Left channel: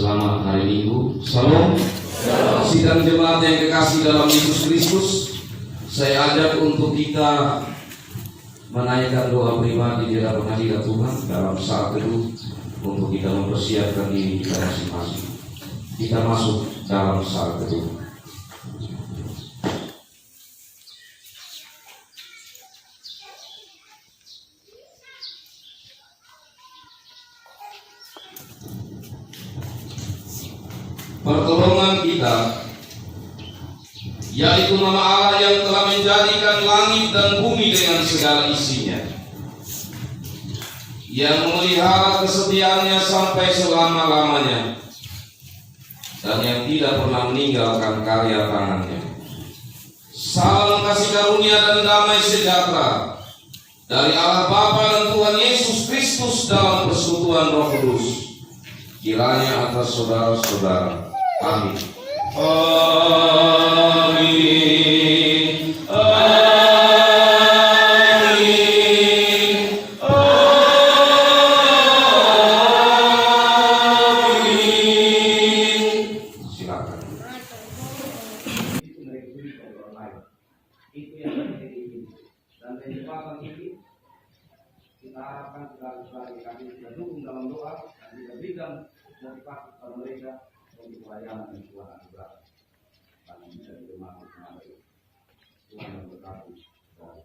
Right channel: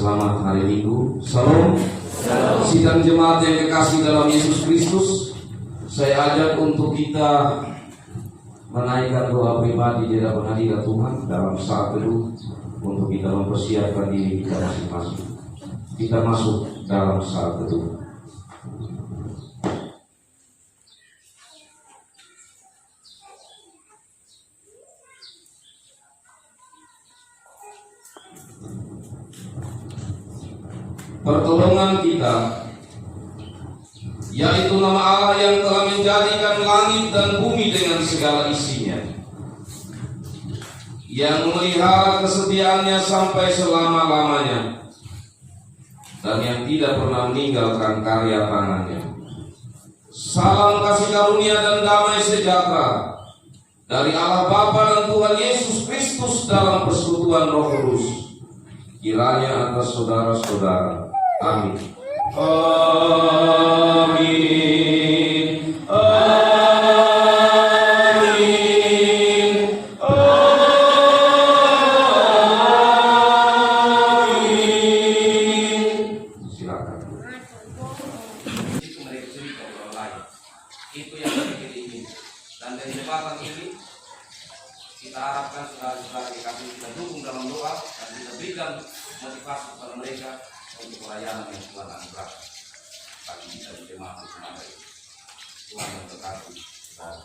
Selamat hari Minggu. Salam. Sidang jemaat yang kekasih dalam Yesus Kristus, saya ajak untuk kita menaikkan doa pribadi di hadapan hadirat Tuhan dalam saat teduh untuk kita mempersiapkan diri kita masing-masing. Kita masuk dalam saat teduh. Pertolongan kita, yaitu nama Allah yang telah menjadikan langit dan bumi dengan segala isinya, yang memelihara kesetiaannya sampai selama-lamanya, dan yang tidak pernah meninggalkan karya tangannya. Salam kasih karunia dan damai sejahtera dari Allah Bapa dan Tuhan Yesus Kristus dalam persekutuan Roh Kudus, kiranya atas saudara-saudara. Amin. Amin. Amin. Amin. Silakan. Itu mereka cerita orang lain. Itu yang kita ingin. Dan dari jembatan ini kita harapkan saudara-saudara kami kita dukung dalam doa dan kita berikan motivasi kepada mereka untuk pelayanan yang Tuhan anugerahkan bagi kita di jemaat semua ini. Tuhan memberkati saudara.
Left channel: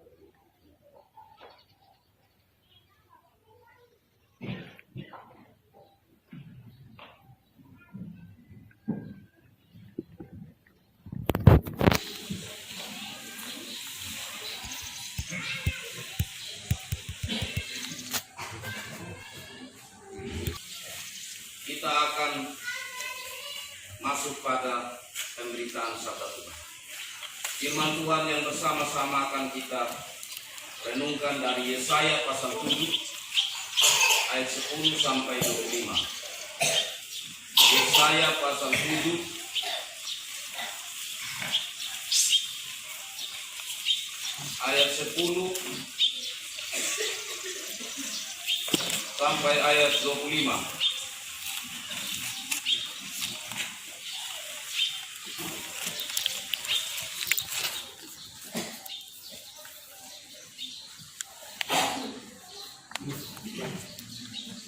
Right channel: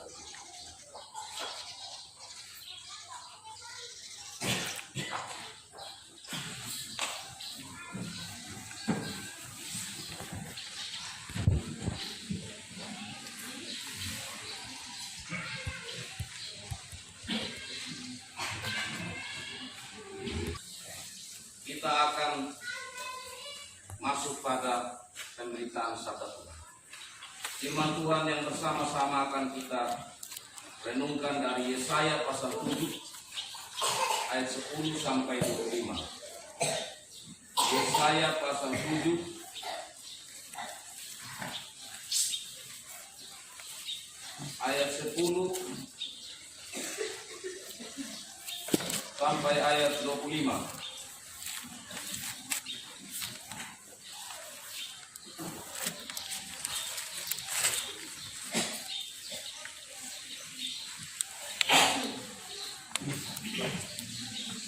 Kita akan masuk pada pemberitaan sabda Tuhan. Firman Tuhan yang bersama-sama akan kita renungkan dari Yesaya pasal 7 ayat 10 sampai 25. Yesaya pasal 7 ayat 10 sampai ayat 25.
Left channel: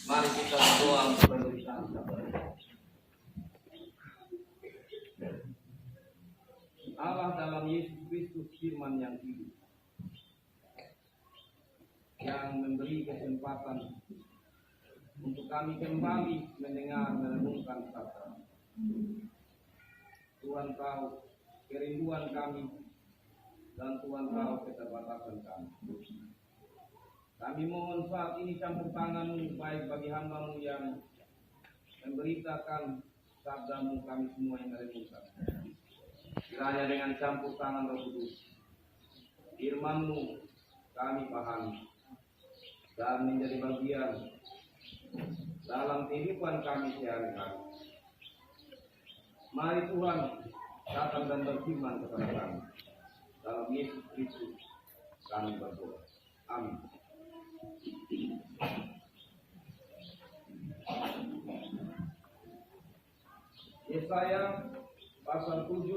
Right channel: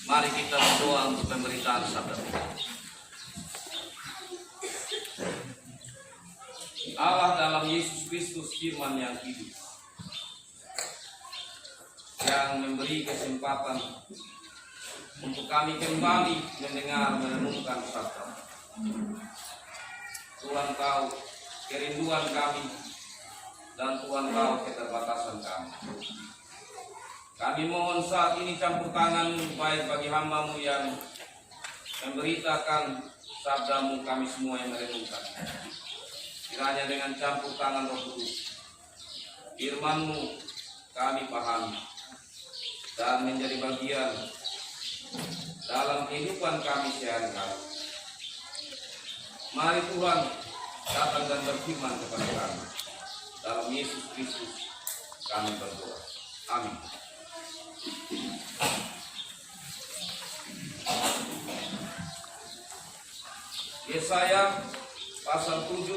Mari kita berdoa untuk pemberitaan sabda Tuhan. Allah dalam Yesus Kristus firman yang hidup, yang memberi kesempatan untuk kami kembali mendengar merenungkan sabda. Tuhan tahu kerinduan kami dan Tuhan tahu keterbatasan kami. Kami mohon saat ini campur tangan baik bagi hamba-Mu yang memberitakan sabda-Mu, kami semua yang merenungkan. Kiranya dengan campur tangan Roh Kudus, firman-Mu kami pahami dan menjadi bagian dalam kehidupan kami sehari-hari. Mari Tuhan datang dan berfirman kepada kami. Dalam Yesus Kristus kami berdoa. Amin. Yesaya pasal 7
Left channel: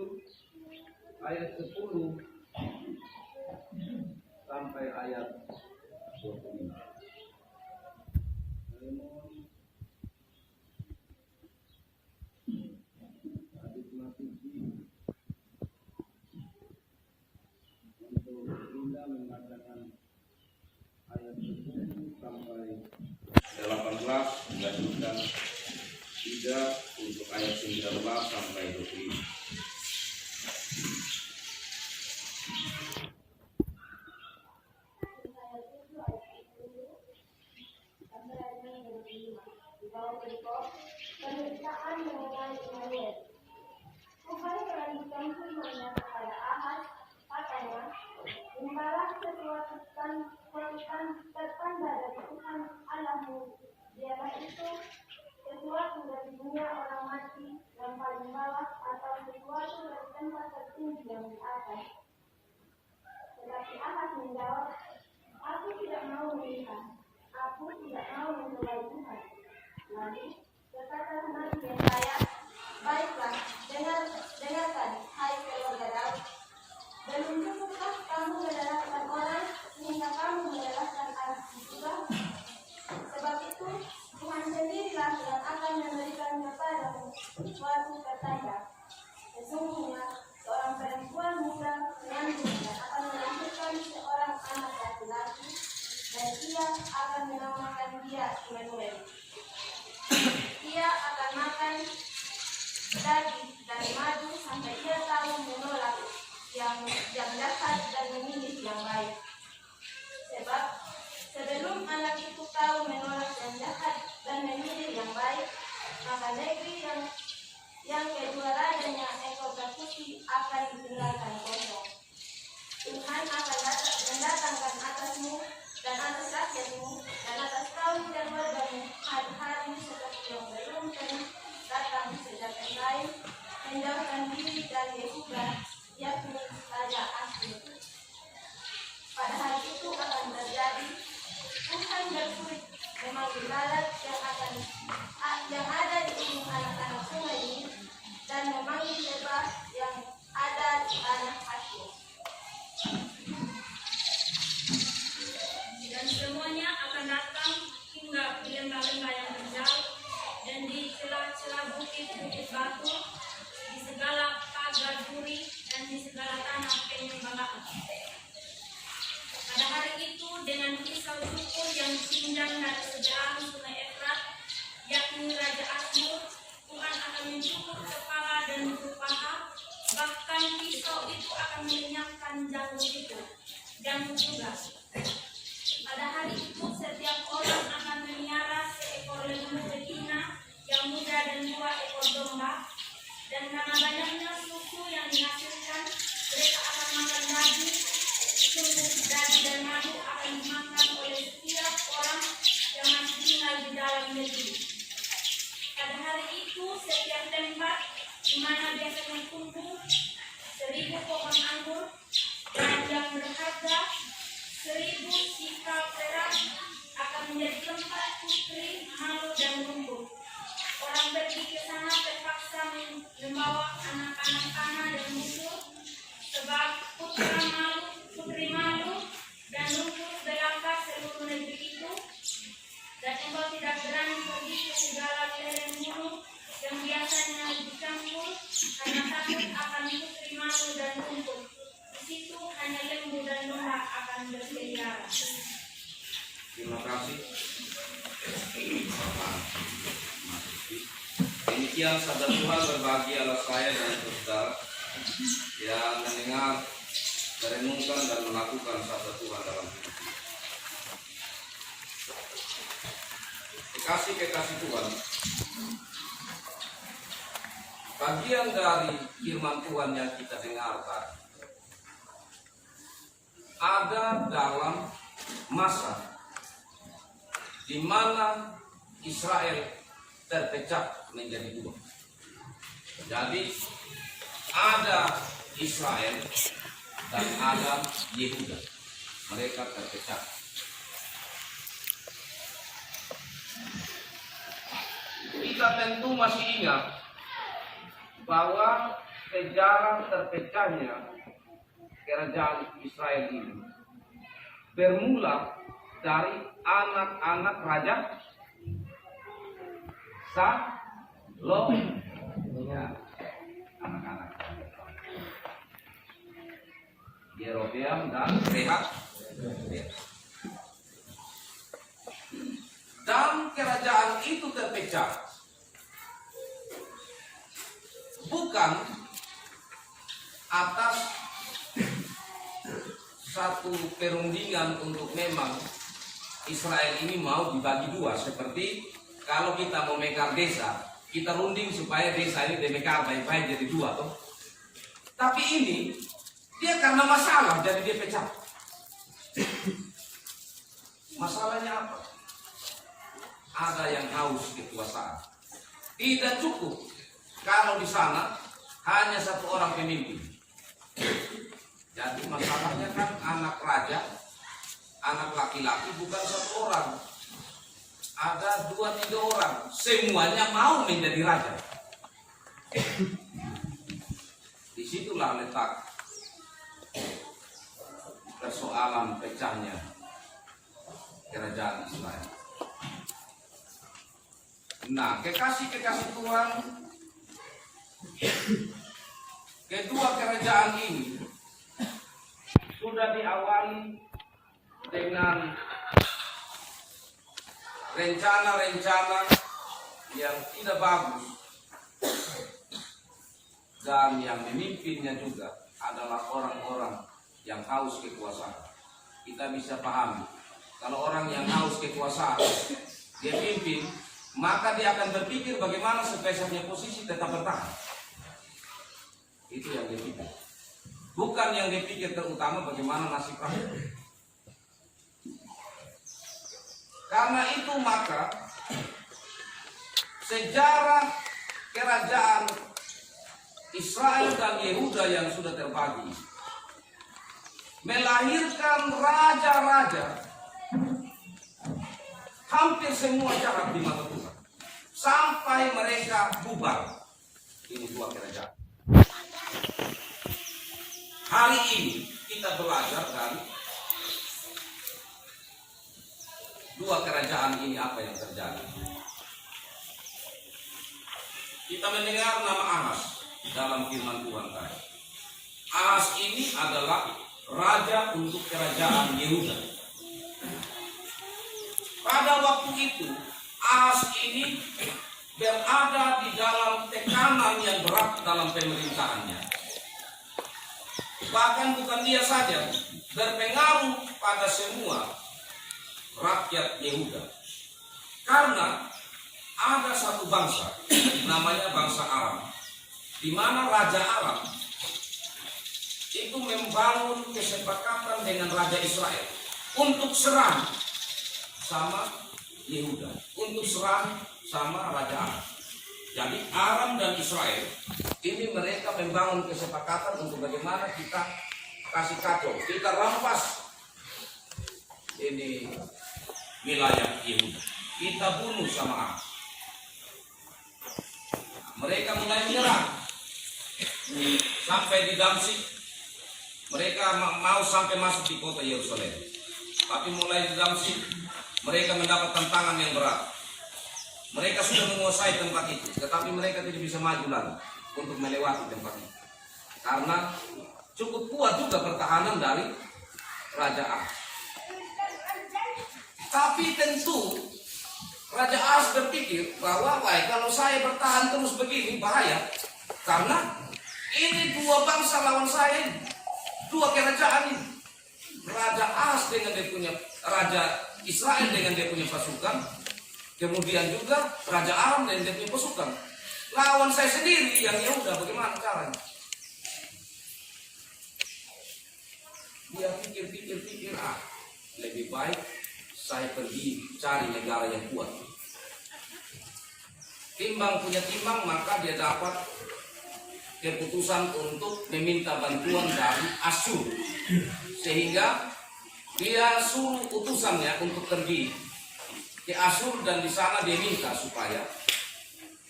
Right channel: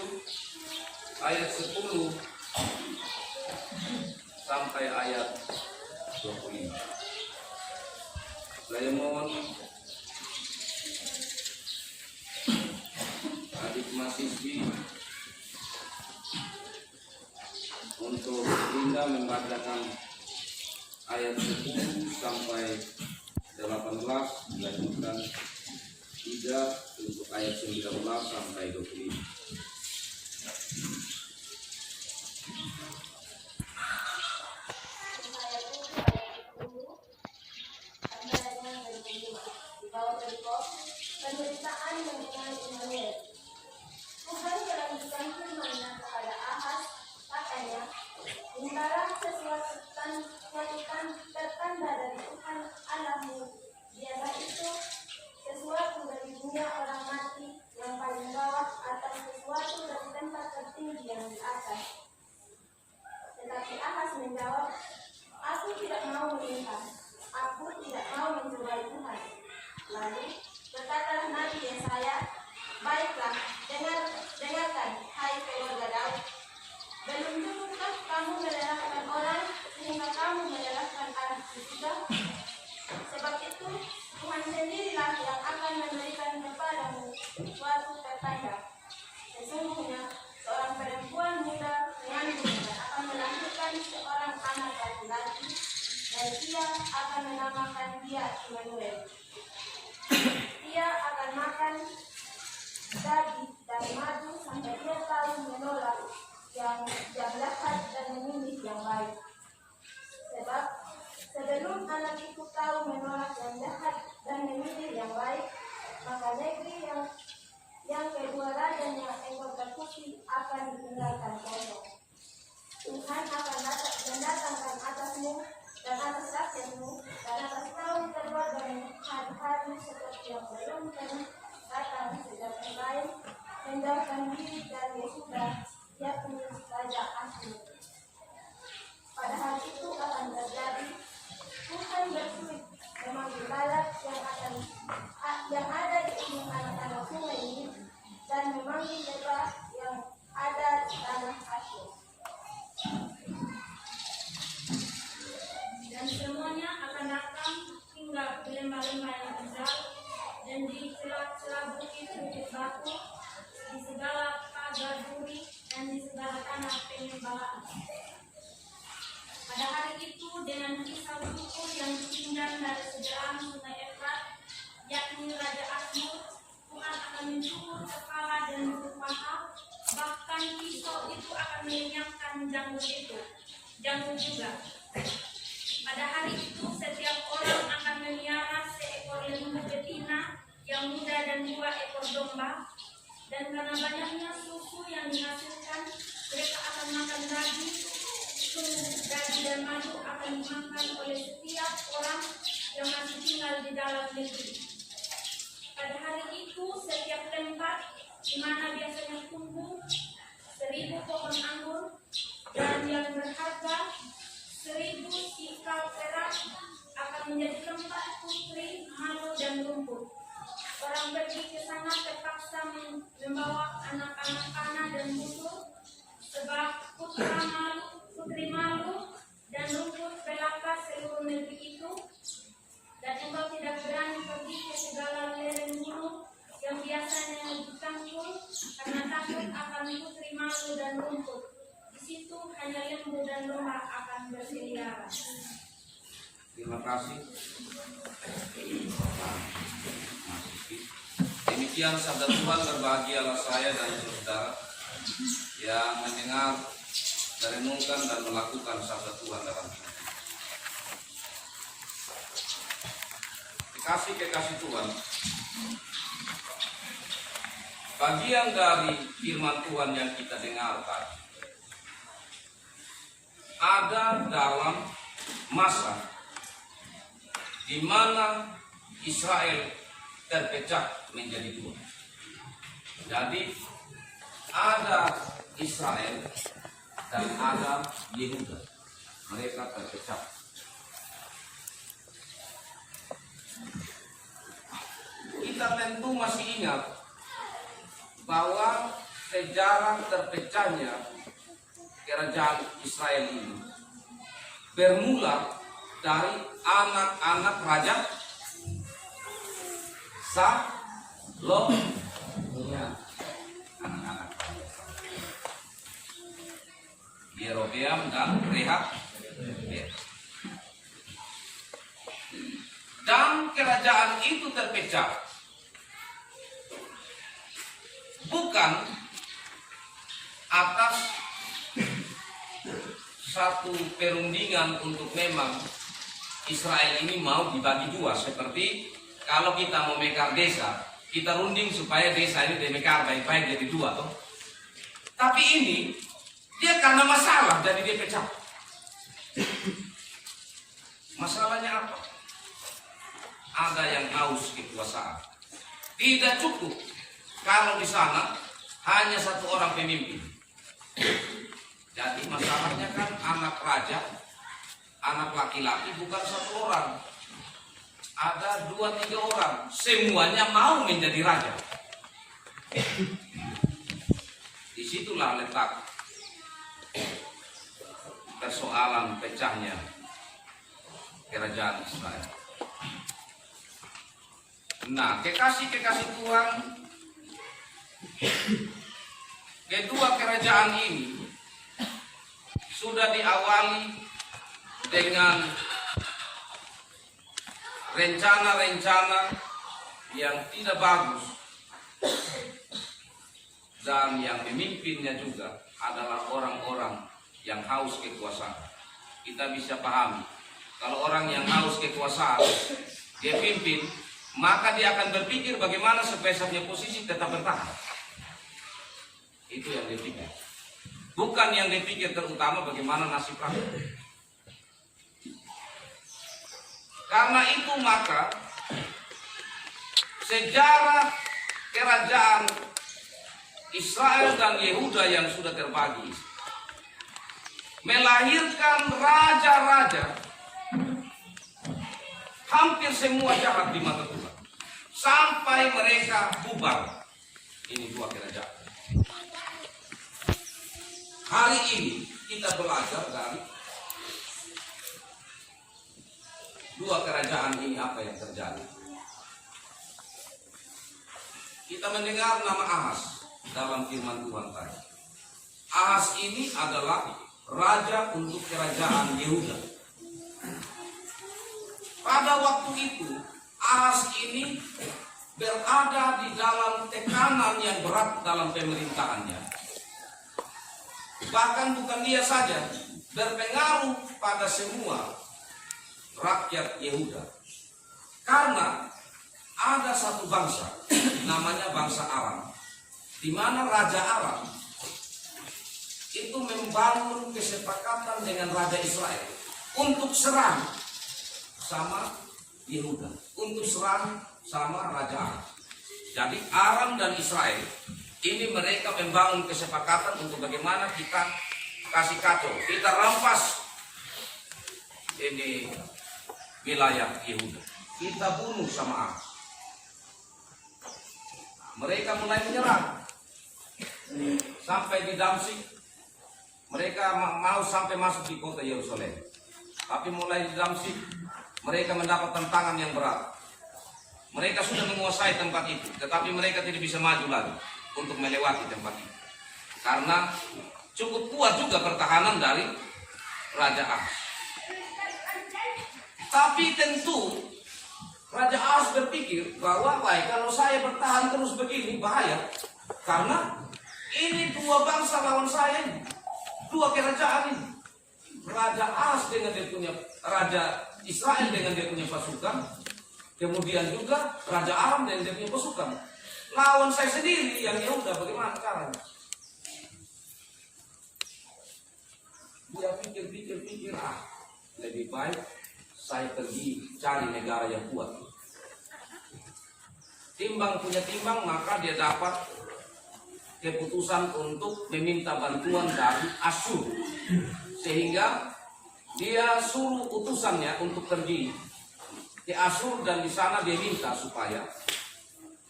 ayat 10 sampai ayat 25. Saya mohon adik mahasiswi untuk Linda membacakan ayat 10 sampai 18, dilanjutkan Ida untuk ayat 19 sampai 25. Penderitaan mengenai Immanuel. Tuhan melanjutkan firman-Nya kepada Ahaz, katanya, mintalah sesuatu tertanda dari Tuhan Allahmu, biarlah itu sesuatu dari dunia orang mati yang paling bawah atau sesuatu dari tempat tertinggi yang di atas. Tetapi Ahaz menjawab, aku tidak mau melihat, aku tidak mau mencobai Tuhan. Lalu berkata Nabi Yesaya kamu melelahkan orang sehingga kamu melelahkan anakku juga? Sebab itu Tuhan sendirilah yang akan memberikan kepadamu suatu pertanda. Sesungguhnya seorang perempuan muda mengandung dan akan melahirkan seorang anak laki-laki, dan ia akan menamakan dia Immanuel. Ia akan makan daging dan madu sampai ia tahu menolak yang jahat dan memilih yang baik. Sebab sebelum anak itu tahu menolak yang jahat dan memilih yang baik, maka negeri yang kedua rajanya ekor berputih akan ditinggalkan kosong. Tuhan akan mendatangkan atasmu dan atas rakyatmu dan atas kaum keluargamu hari-hari seperti yang belum pernah datang sejak yang lain menjauhkan diri dari Yehuda, yakni Raja Asyur. Pada hari itu akan terjadi, Tuhan bersulit memanggil lalat yang ada di ujung anak-anak sungai ini, dan memanggil lebah yang ada di tanah Asyur. Dan semuanya akan datang hingga di lembah-lembah yang terjal dan di celah-celah bukit-bukit batu, di segala pagar duri dan di segala tanah penyembahan. Pada hari itu dengan kisau cukur yang disinjang dari seberang sungai Efrat, yakni Raja Asyur, Tuhan akan mencukur kepala dan bulu paha, bahkan pisau itu akan melenyapkan janggut juga. Pada hari itu setiap orang akan melihara seekor lembu betina yang muda dan 2 ekor domba, dan karena banyaknya susu yang dihasilkan, mereka akan makan daging, sungguh daging dan madu akan dimakan oleh setiap orang yang masih tinggal di dalam negeri. Pada hari itu setiap tempat di mana biasanya tumbuh 1000 pohon anggur dan yang berharga 1000 sikal perak akan menjadi tempat putri malu dan rumput. Orang pergi ke sana terpaksa membawa anak-anak panah dan busur, sebab putri malu dan rumput belaka seluruh negeri itu. Dan engkau tidak berani pergi ke segala lereng gunung yang biasanya dicampur, karena takut akan putri malu dan rumput. Di situ hanya lembu dan domba akan berkeliaran. Terima kasih. Demikian sabda Tuhan. Berbahagialah saya dan saudara yang mendengar, merenungkan dan melakukan sabda Tuhan dalam hidup. Kekasih Tuhan, bagian dari firman Tuhan yang kita dengar tadi ada dalam masa di mana Israel terpecah menjadi 2. Jadi ada Israel dan ada Yehuda. Mereka terpecah. Kita tentu masih ingat bahwa sejarah terpecahnya kerajaan Israel ini bermula dari anak-anak raja Salomo, ya, anak-anak raja Yerobeam dan Rehab. Dan kerajaan itu terpecah bukan atas satu perundingan untuk memang Israel ini mau dibagi 2, seperti kalau kita mau mekar desa, kita runding supaya desa ini dimekar baik-baik jadi 2 toh. Tapi ini dia karena masalah jadi dia pecah. Masalahnya apa? Ada yang haus kekuasaan. Tidak cukup kalau di sana hanya 1 orang pemimpin. Jadi masalahnya kan anak raja, anak laki-laki bukan 1 orang. Ada 2-3 orang, semuanya mau menjadi raja. Disitulah letak persoalan pecahnya kerajaan Israel. Nah, kekasih-kekasih Tuhan, kedua kerajaan ini sudah diawali dengan rencana-rencana yang tidak bagus, dan yang memimpinnya juga adalah orang-orang yang haus kekuasaan. Kita bisa pahami, kalau orang yang haus kekuasaan dia pimpin, maka dia akan berpikir bagaimana supaya punya posisi tetap bertahan. Itu yang dia pikir. Bukan yang dia pikir terutama bagaimana nasib rakyat. Karena itu maka sejarah kerajaan Israel dan Yehuda yang sudah terbagi melahirkan raja-raja hampir semua jahat di mata Tuhan sampai mereka bubar. Ini dua kerajaan. Hari ini kita belajar dari dua kerajaan ini apa yang terjadi. Kita mendengar nama Ahas dalam firman Tuhan tadi. Ahas ini adalah raja untuk kerajaan Yehuda. Pada waktu itu Ahas ini berada di dalam tekanan yang berat dalam pemerintahannya. Bahkan bukan dia saja, berpengaruh pada semua rakyat Yehuda. Karena ada satu bangsa namanya bangsa Aram, di mana raja Aram itu membangun kesepakatan dengan raja Israel untuk serang sama Yehuda, untuk serang sama raja Aram. Jadi Aram dan Israel ini mereka membangun kesepakatan untuk bagaimana kita kasih kacau, kita rampas ini wilayah Yehuda, kita bunuh sama Aram. Mereka mulai menyerang sampai di Damsyik. Mereka mau sampai masuk di kota Yerusalem, tapi mulai di Damsyik mereka mendapat tantangan yang berat. Mereka sudah menguasai tempat itu, tetapi mereka tidak bisa maju lagi untuk melewati tempat itu, karena cukup kuat juga pertahanan dari Raja Ahas. Tapi tentu Raja Ahas berpikir bahwa kalau saya bertahan terus begini bahaya, karena ini dua bangsa lawan saya, dua kerajaan ini. Raja Ahas dengan dia punya, Raja Israel dengan dia punya pasukan, kemudian juga Raja Aram dengan dia punya pasukan, lawan saya sendiri yang Yehuda, bagaimana caranya? Dia pikir, lebih baik saya pergi cari negara yang kuat. Timbang punya timbang, maka dia dapat keputusan untuk meminta bantuan dari Asyur, sehingga dia suruh utusannya untuk pergi ke Asyur, dan di sana dia minta supaya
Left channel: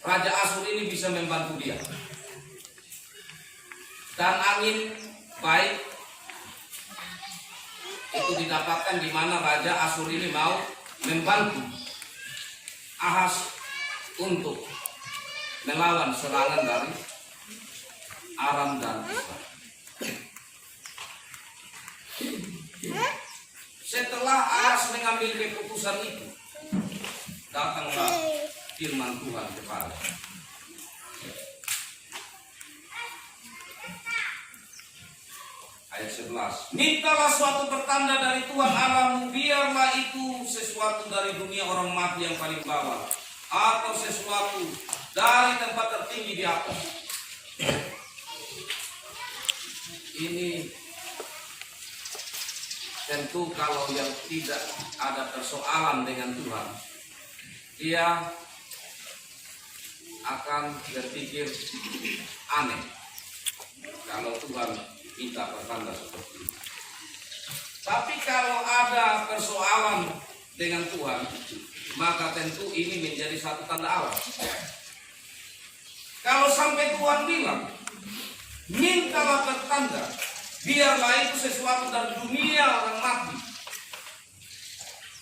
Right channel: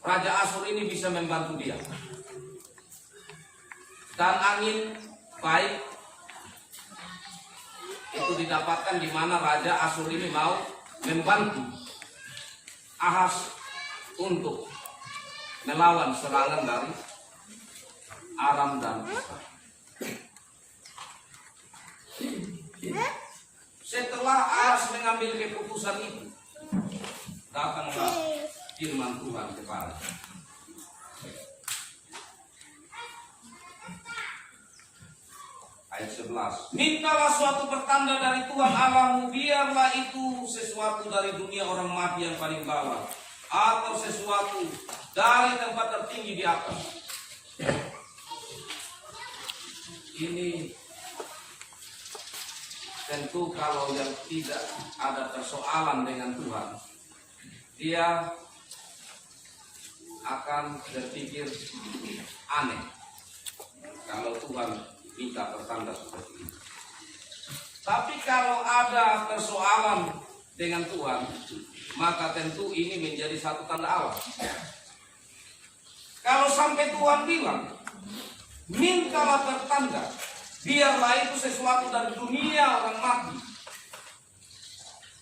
Raja Asyur ini bisa membantu dia. Dan angin baik itu didapatkan di mana Raja Asyur ini mau membantu Ahas untuk melawan serangan dari Aram dan Israel. Setelah Ahas mengambil keputusan itu, datanglah firman Tuhan kepada ayat 11. Mintalah suatu pertanda dari Tuhan Allahmu, biarlah itu sesuatu dari dunia orang mati yang paling bawah, atau sesuatu dari tempat tertinggi di atas. Ini tentu kalau yang tidak ada persoalan dengan Tuhan, dia akan berpikir aneh kalau Tuhan minta pertanda seperti ini. Tapi kalau ada persoalan dengan Tuhan, maka tentu ini menjadi satu tanda alam. Kalau sampai Tuhan bilang, mintalah pertanda biarlah itu sesuatu dari dunia orang mati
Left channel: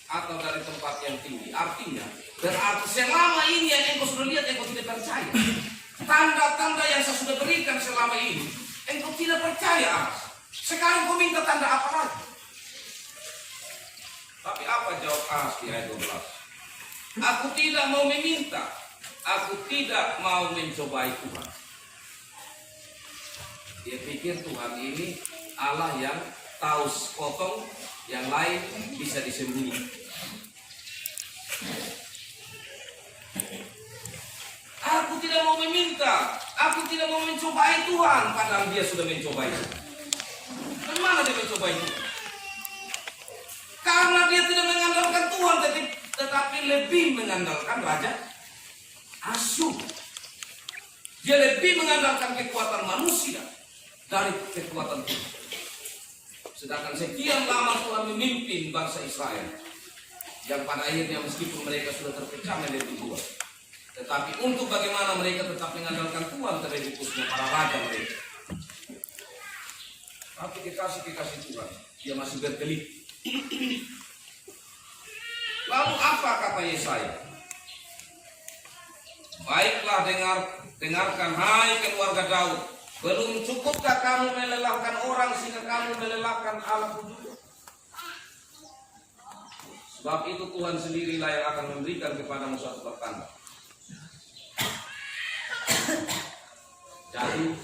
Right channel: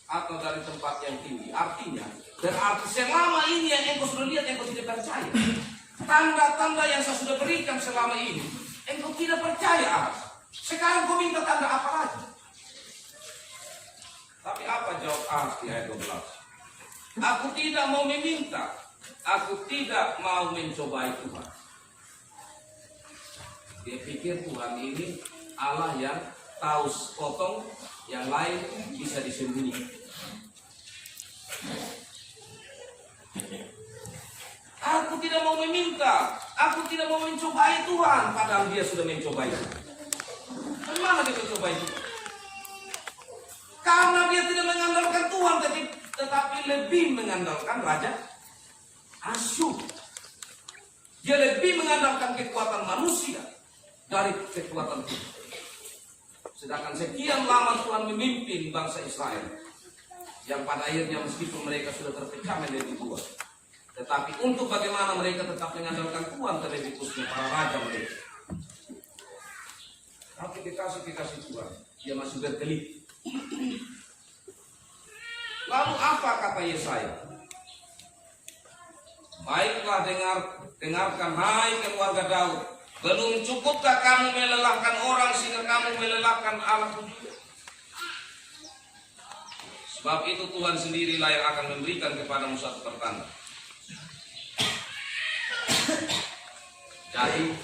atau dari tempat yang tinggi. Artinya, berarti selama ini yang engkau sudah lihat, engkau tidak percaya. Tanda-tanda yang saya sudah berikan selama ini, engkau tidak percaya. Sekarang kau minta tanda apa lagi? Tapi apa jawab Ahas di ayat 12? Aku tidak mau meminta, aku tidak mau mencobai Tuhan. Dia pikir Tuhan ini Allah yang tahu sepotong, yang lain bisa disembunyikan. Aku tidak mau meminta, aku tidak mau mencobai Tuhan, padahal dia sudah mencobai. Dan mana dia mencobai Tuhan? Karena dia tidak mengandalkan Tuhan, tetapi lebih mengandalkan Raja Asyur. Dia lebih mengandalkan kekuatan manusia dari kekuatan Tuhan. Sedangkan sekian lama Tuhan memimpin bangsa Israel, yang pada akhirnya meskipun mereka sudah terpecah menjadi dua, tetapi untuk bagaimana mereka tetap mengandalkan Tuhan terlebih khususnya para raja mereka. Tapi kekasih Tuhan, dia masih berkelit. Lalu apa kata Yesaya? Baiklah, dengarkan hai keluarga Daud. Belum cukupkah kamu melelahkan orang sehingga kamu melelahkan Allahku juga? Sebab itu Tuhan sendirilah yang akan memberikan kepadamu satu pertanda. Jadi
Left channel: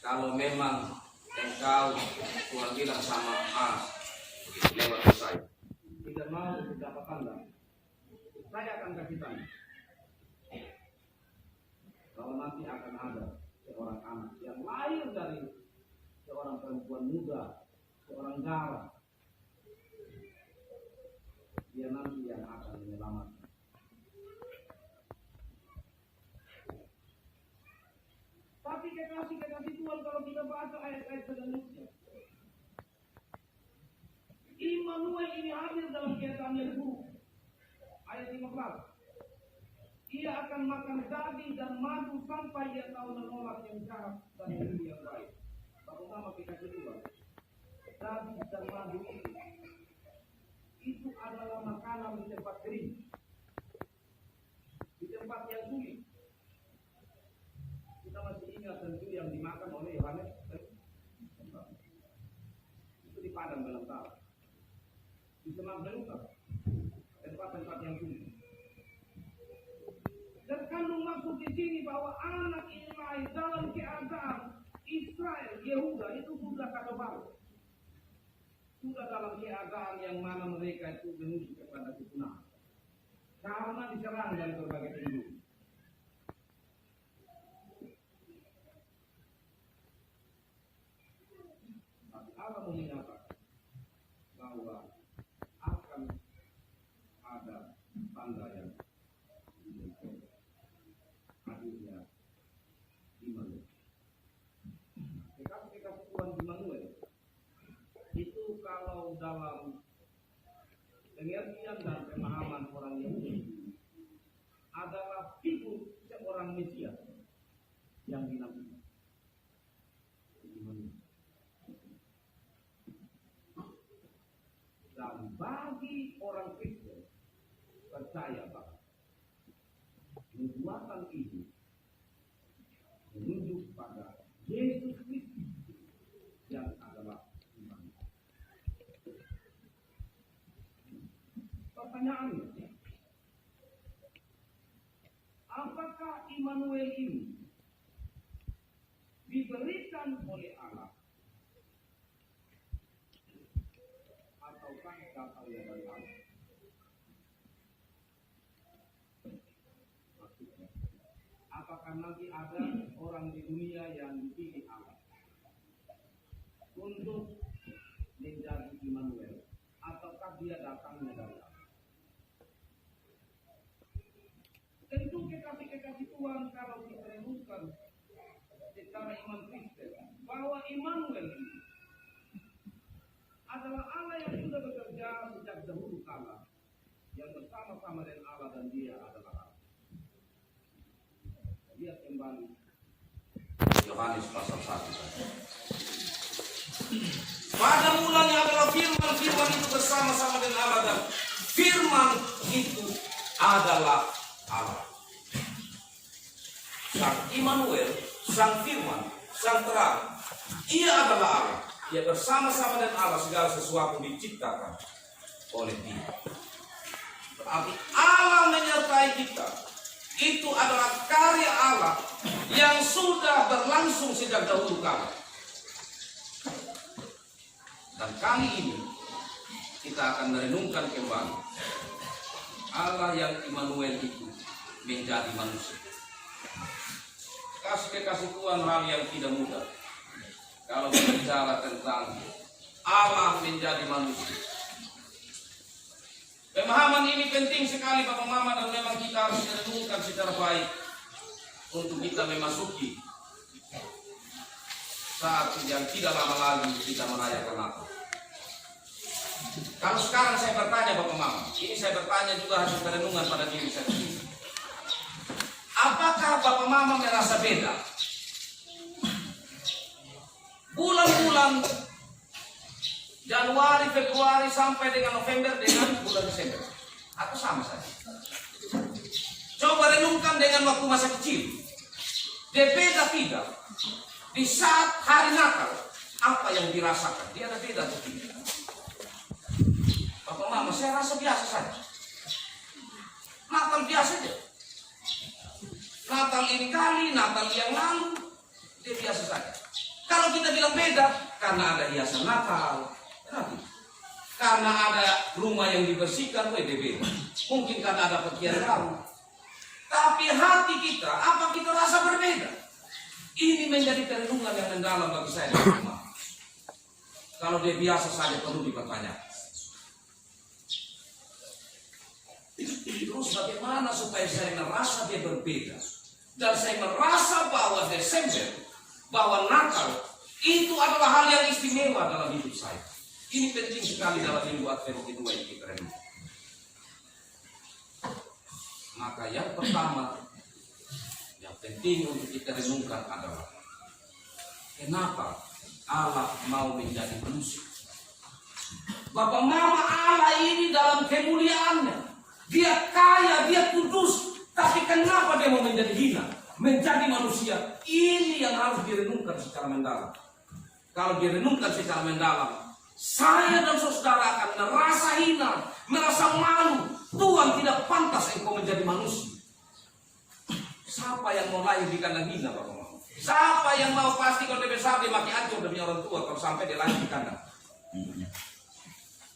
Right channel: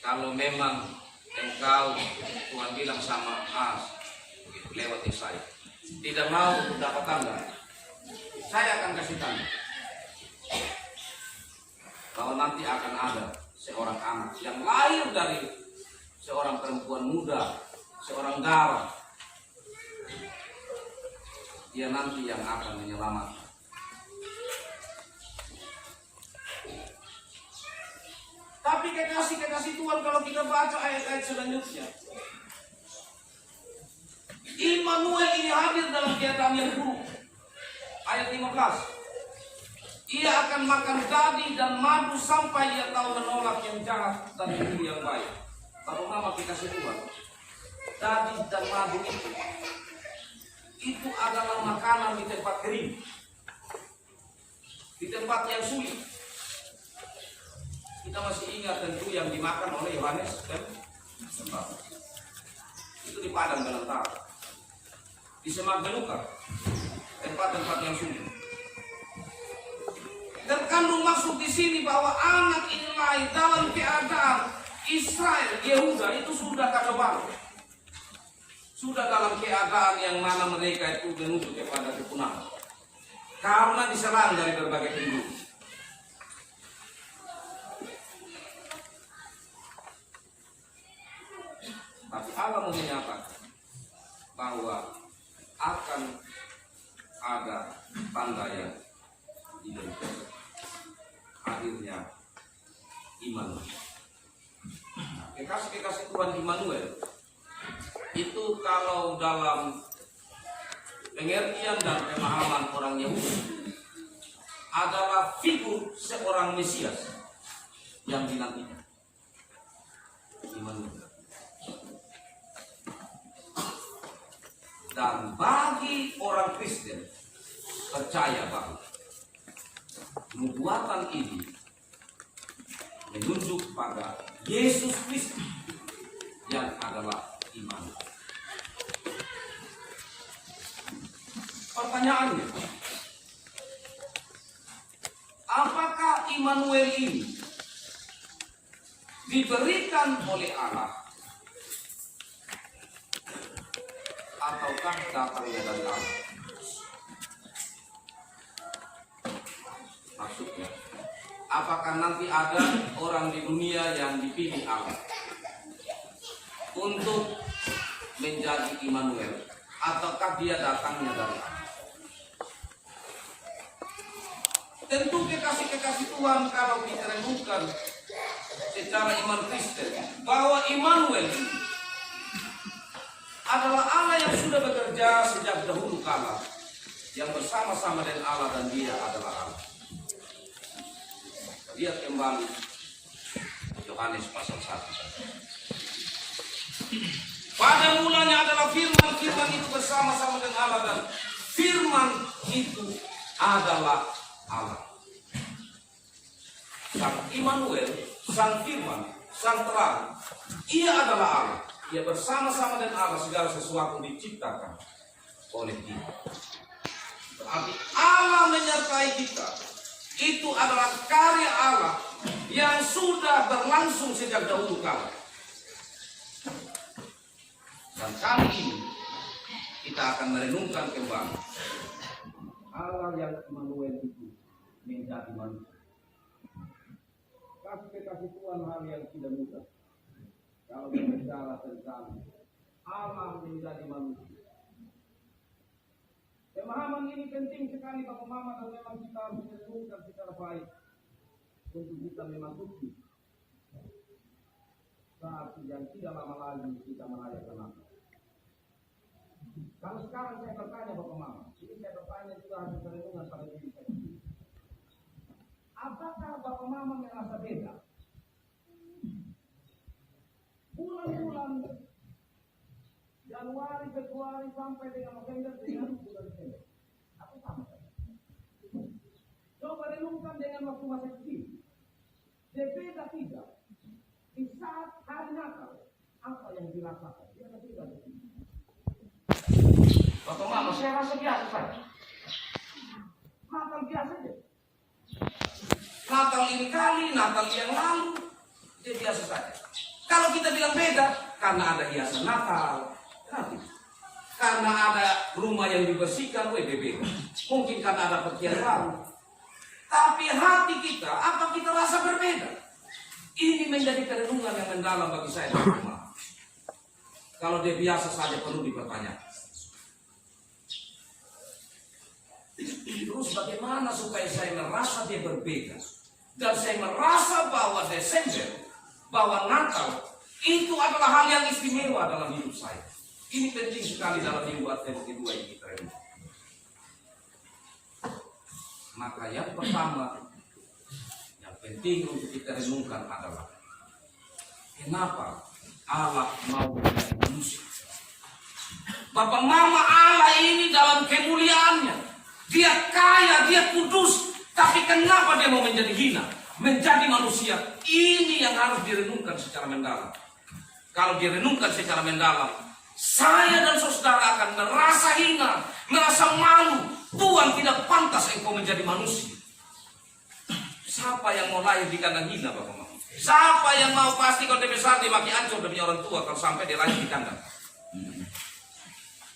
kalau memang engkau, Tuhan bilang sama Ahas lewat Yesaya, tidak mau dapat tanda, saya akan kasih tanda bahwa nanti akan ada seorang anak yang lahir dari seorang perempuan muda, seorang darah. Dia nanti yang akan menyelamatkan. Tapi kekasih Tuhan, kalau kita baca ayat-ayat selanjutnya, Immanuel ini hadir dalam keadaan yang buruk. Ayat 15. Ia akan makan daging dan madu sampai ia tahu menolak yang jahat dan memilih yang baik. Lalu nama kekasih Tuhan, daging dan madu itu adalah makanan di tempat kering, di tempat yang sulit. Kita masih ingat tentu yang dimakan oleh Yohanes dan itu di padang belantara, di semak belukar, tempat-tempat yang sulit. Terkandung maksud di sini bahwa anak ini lahir dalam keadaan Israel, Yehuda itu sudah kacau balau, sudah dalam keadaan yang mana mereka itu menuju kepada kepunahan karena diserang dari berbagai penjuru. Tapi Allah menyatakan bahwa akan ada tanda yang identik, hadirnya Immanuel. Kekasih Tuhan, Immanuel itu kalau dalam pengertian dan pemahaman orang Yahudi adalah figur seorang Mesias yang dinantikan. Immanuel. Dan bagi orang Kristen percaya bahwa nubuatan ini menunjuk pada Yesus Kristus yang adalah Immanuel. Pertanyaannya, apakah Immanuel ini diberikan oleh Allah ataukah datangnya dari Allah? Maksudnya, apakah nanti ada orang di dunia yang dipilih Allah untuk menjadi Immanuel, ataukah dia datangnya dari Allah? Tentu kekasih Tuhan, kalau kita renungkan secara iman Kristen bahwa Immanuel adalah Allah yang sudah bekerja sejak dahulu kala, yang bersama-sama dengan Allah dan dia adalah Allah. Lihat kembali Yohanes pasal 1. Pada mulanya adalah firman, firman itu bersama-sama dengan Allah, dan firman itu adalah Allah. Sang Immanuel, sang firman, sang terang, ia adalah Allah. Ia bersama-sama dengan Allah, segala sesuatu diciptakan oleh Dia. Berarti Allah menyertai kita. Itu adalah karya Allah yang sudah berlangsung sejak dahulu kala. Dan kali ini kita akan merenungkan kembali Allah yang Immanuel itu menjadi manusia. Kekasih Tuhan, hal yang tidak mudah kalau berbicara tentang Allah menjadi manusia. Pemahaman ini penting sekali Bapak Mama, dan memang kita harus merenungkan secara baik untuk kita memasuki saat yang tidak lama lagi kita merayakan Natal. Kalau sekarang saya bertanya Bapak Mama, ini saya bertanya juga hasil perenungan pada diri saya sendiri. Apakah Bapak Mama merasa beda bulan-bulan Januari, Februari sampai dengan November dengan bulan Desember? Atau sama saja? Coba renungkan dengan waktu masa kecil. Dia beda tidak? Di saat hari Natal, apa yang dirasakan? Dia ada beda atau tidak? Bapak Mama, saya rasa biasa saja. Natal biasa saja. Natal ini kali, Natal yang lalu, dia biasa saja. Kalau kita bilang beda, karena ada hiasan Natal, karena ada rumah yang dibersihkan, dia beda. Mungkin karena ada pakaian baru. Tapi hati kita, apa kita rasa berbeda? Ini menjadi renungan yang mendalam bagi saya dan rumah. Kalau dia biasa saja perlu dipertanyakan. Terus bagaimana supaya saya merasa dia berbeda? Dan saya merasa bahwa Desember, bahwa Natal itu adalah hal yang istimewa dalam hidup saya. Ini penting sekali dalam minggu Advent kedua yang kita renungkan. Maka yang pertama, yang penting untuk kita renungkan adalah kenapa Allah mau menjadi manusia. Bapak Mama, Allah ini dalam kemuliaannya, Dia kaya, Dia kudus, tapi kenapa Dia mau menjadi hina, menjadi manusia? Ini yang harus direnungkan secara mendalam. Kalau direnungkan secara mendalam, saya dan saudara akan merasa hina, merasa malu. Tuhan, tidak pantas engkau menjadi manusia. Siapa yang mau lahir di kandang hina, Bapak? Siapa yang mau pasti kalau dia besar dia maki ancur demi orang tua kalau sampai dia lahir di kandang?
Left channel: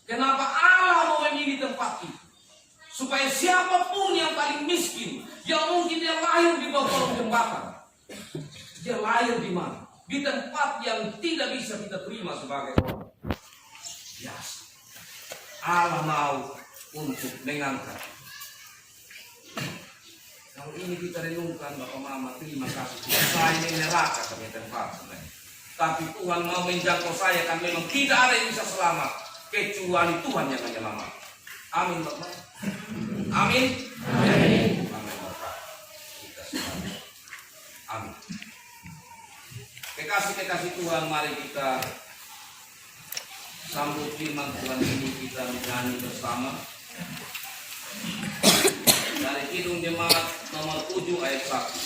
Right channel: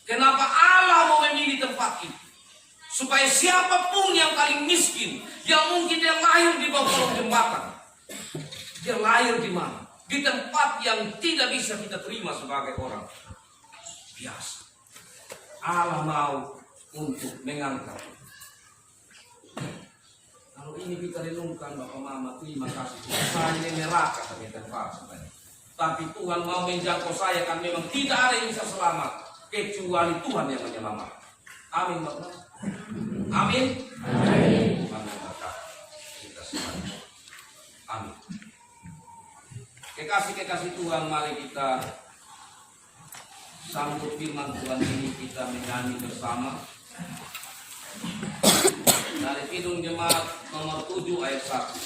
Kenapa Allah mau memilih tempat itu? Supaya siapapun yang paling miskin, yang mungkin dia lahir di bawah kolong jembatan, dia lahir di mana? Di tempat yang tidak bisa kita terima sebagai orang biasa. Allah mau untuk mengangkat. Kalau ini kita renungkan Bapak Mama, terima kasih. Saya ini neraka kami tempat sebenarnya. Tapi Tuhan mau menjangkau saya, kan memang tidak ada yang bisa selamat kecuali Tuhan yang menyelamatkan. Amin Bapak. Amin. Amin. Amin Bapak. Kita semua. Amin. Kekasih Tuhan, mari kita sambut firman Tuhan ini, kita menyanyi bersama dari Kidung Jemaat nomor 7 ayat 1.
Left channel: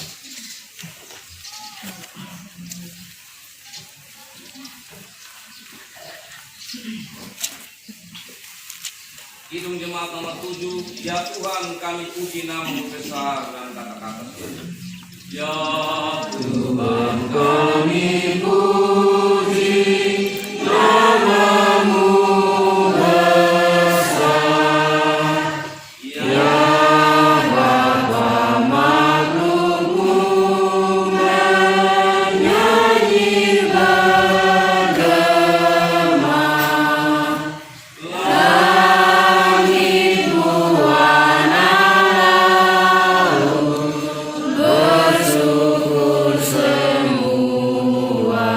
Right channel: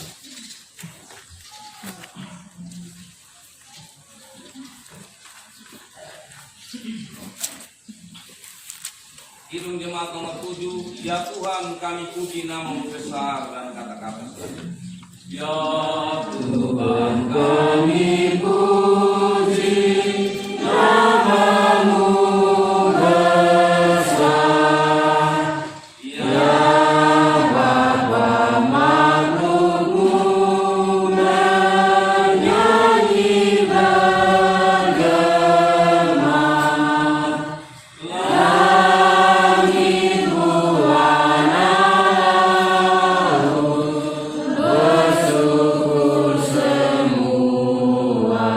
Kidung Jemaat nomor 7. Ya Tuhan, kami puji nama-Mu besar, dan kata-kata ya Tuhan, kami puji nama-Mu besar, ya Bapa makhluk-Mu menyanyi bergema, langit buana laut bersyukur semua.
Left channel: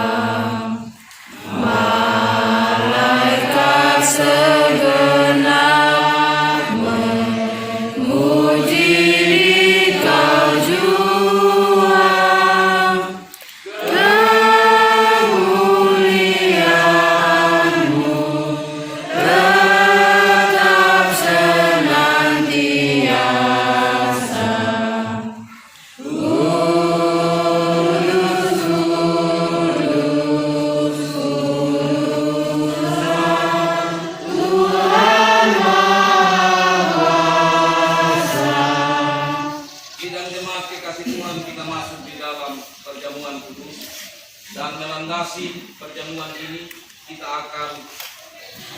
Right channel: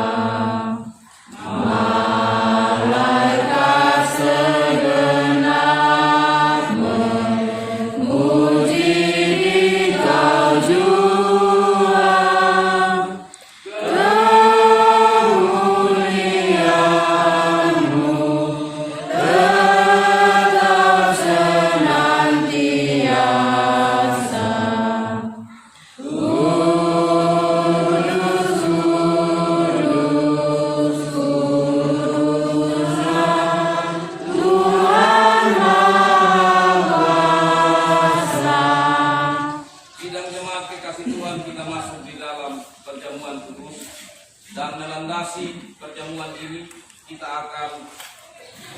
membatasi perjamuan ini, kita akan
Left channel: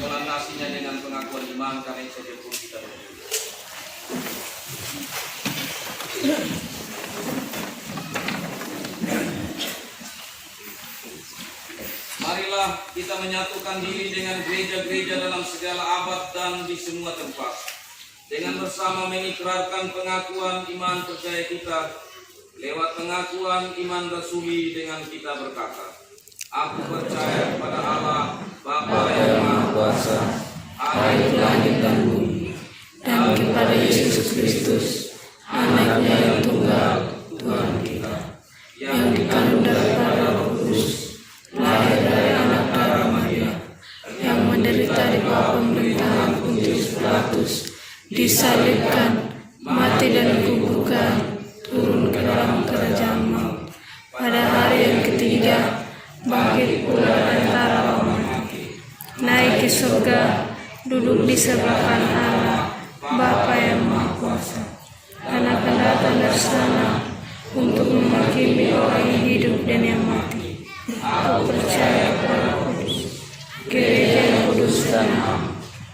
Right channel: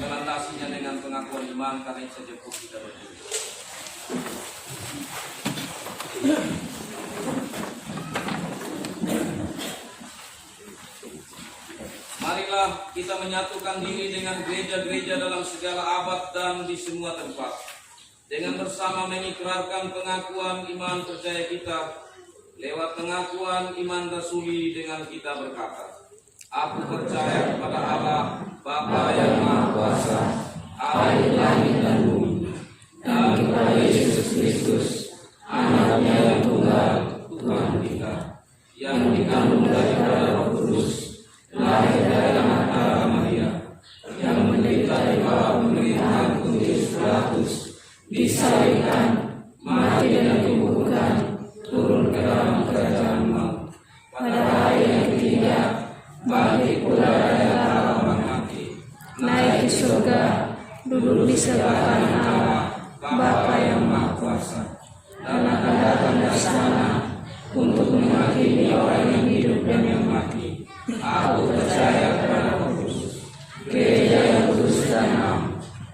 melandasinya dengan pengakuan iman karena itu saja pun kita berdoa. Marilah kita menyatukan diri dengan gereja-gereja dalam segala abad dan di semua tempat, dengan bersama mengikrarkan pengakuan iman percaya kita lewat pengakuan iman rasuli dengan kita berkata, aku percaya kepada Allah Bapa yang Maha Kuasa, Allah langit dan bumi, dan kepada Yesus Kristus, Anaknya yang tunggal, Tuhan kita, yang dikandung dari Roh Kudus, lahir dari anak darah Maria, yang menderita di bawah pemerintahan Pontius Pilatus, disalibkan, mati dan dikuburkan, turun ke dalam kerajaan maut. Pada hari yang ketiga, bangkit pula antara orang mati, naik ke surga, duduk di sebelah kanan Allah, Bapa yang Maha Kuasa, dan akan datang dari sana untuk menghakimi orang yang hidup dan yang mati. Aku percaya kepada Kudus, gereja yang kudus dan am,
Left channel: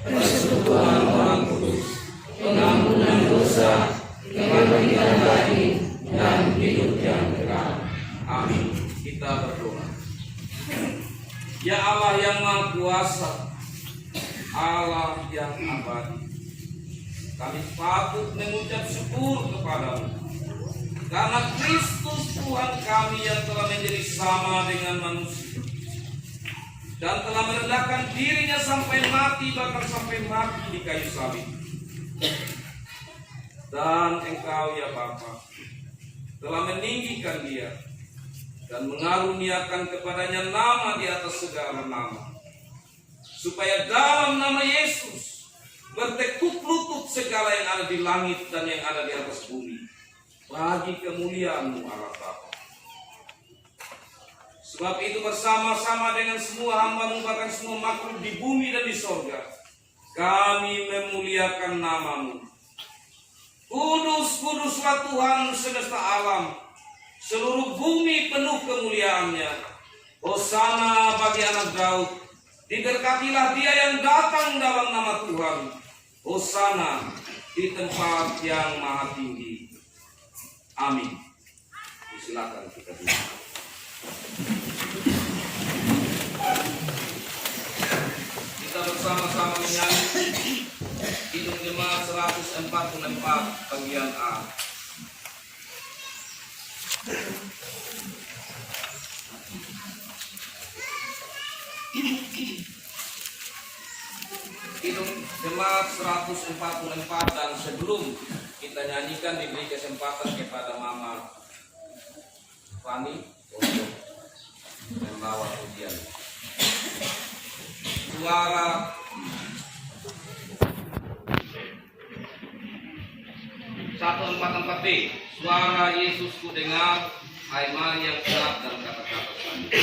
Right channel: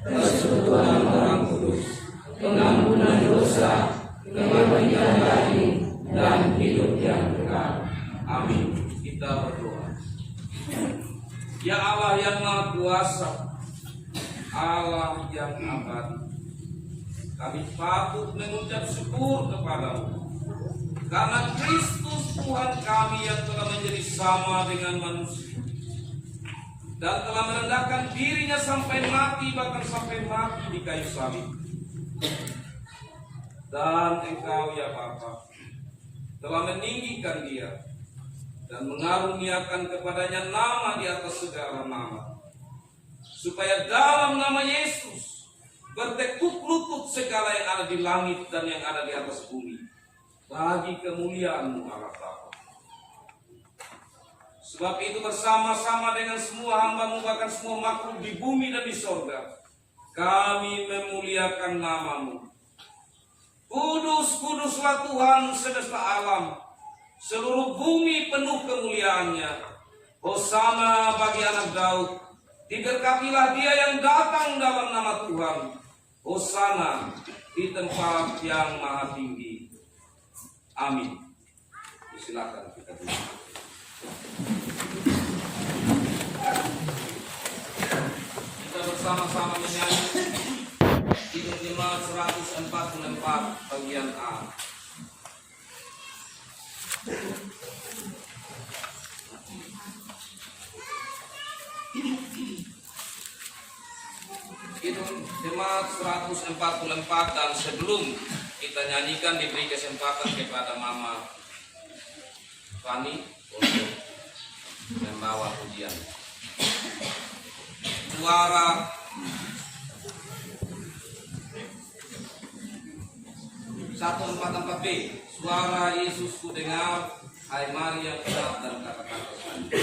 persekutuan orang kudus, pengampunan dosa, kebangkitan daging, dan hidup yang kekal. Amin. Kita berdoa. Ya Allah yang Maha Kuasa, Allah yang abadi, kami patut mengucap syukur kepadamu karena Kristus Tuhan kami yang telah menjadi sama dengan manusia dan telah merendahkan dirinya sampai mati, bahkan sampai mati di kayu salib. Dan Engkau ya Bapa telah meninggikan dia dan mengaruniakan kepadanya nama di atas segala nama, supaya dalam nama Yesus bertekuk lutut segala yang ada di langit dan yang ada di atas bumi, bagi kemuliaan-Mu Allah Bapa. Sebab itu bersama-sama dengan semua hamba-Mu, bahkan semua makhluk di bumi dan di sorga, kami memuliakan nama-Mu. Kudus, kuduslah Tuhan semesta alam, seluruh bumi penuh kemuliaan-Nya. Hosana bagi anak Daud, diberkatilah dia yang datang dalam nama Tuhan. Hosana di tempat yang maha tinggi. Amin. Silakan kita duduk. Kita bersama-sama menyanyi Kidung Jemaat 144 bagian A. Kidung Jemaat 144, dan sebelum kita nyanyikan diberi kesempatan kepada Mama Fani untuk membawa pujian. Suara 144B, suara Yesus ku dengar, hai Maria yang gelap dan kata-kata tadi.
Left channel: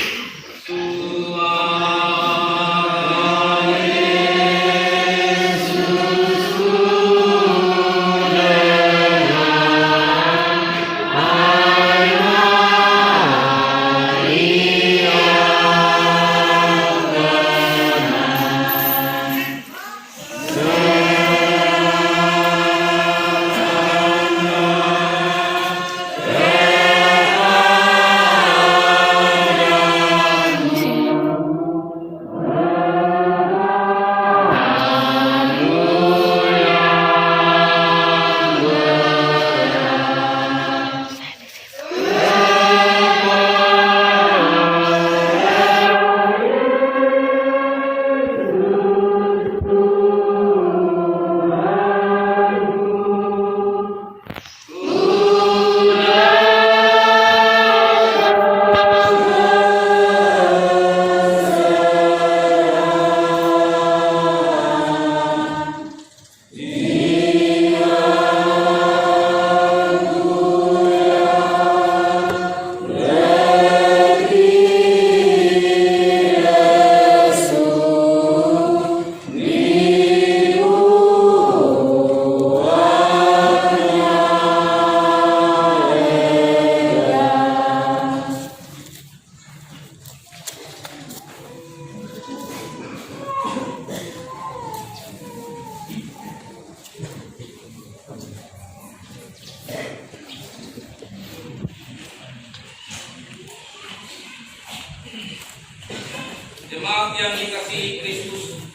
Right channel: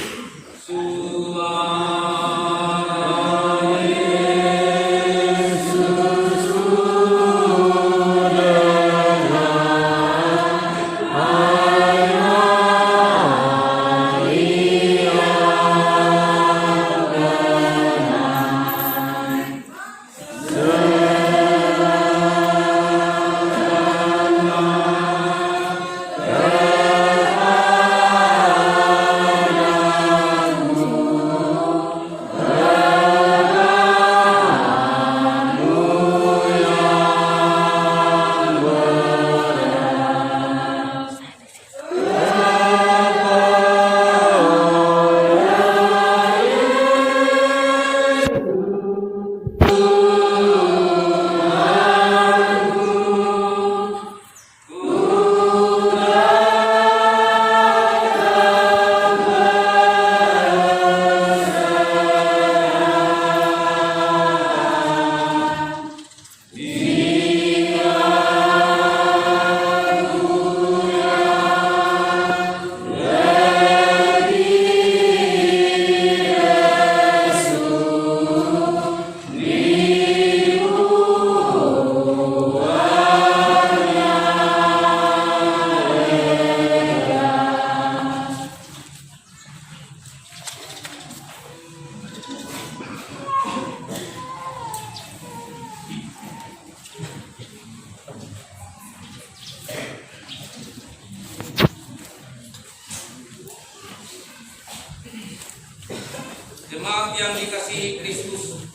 yang dikasihi Kristus,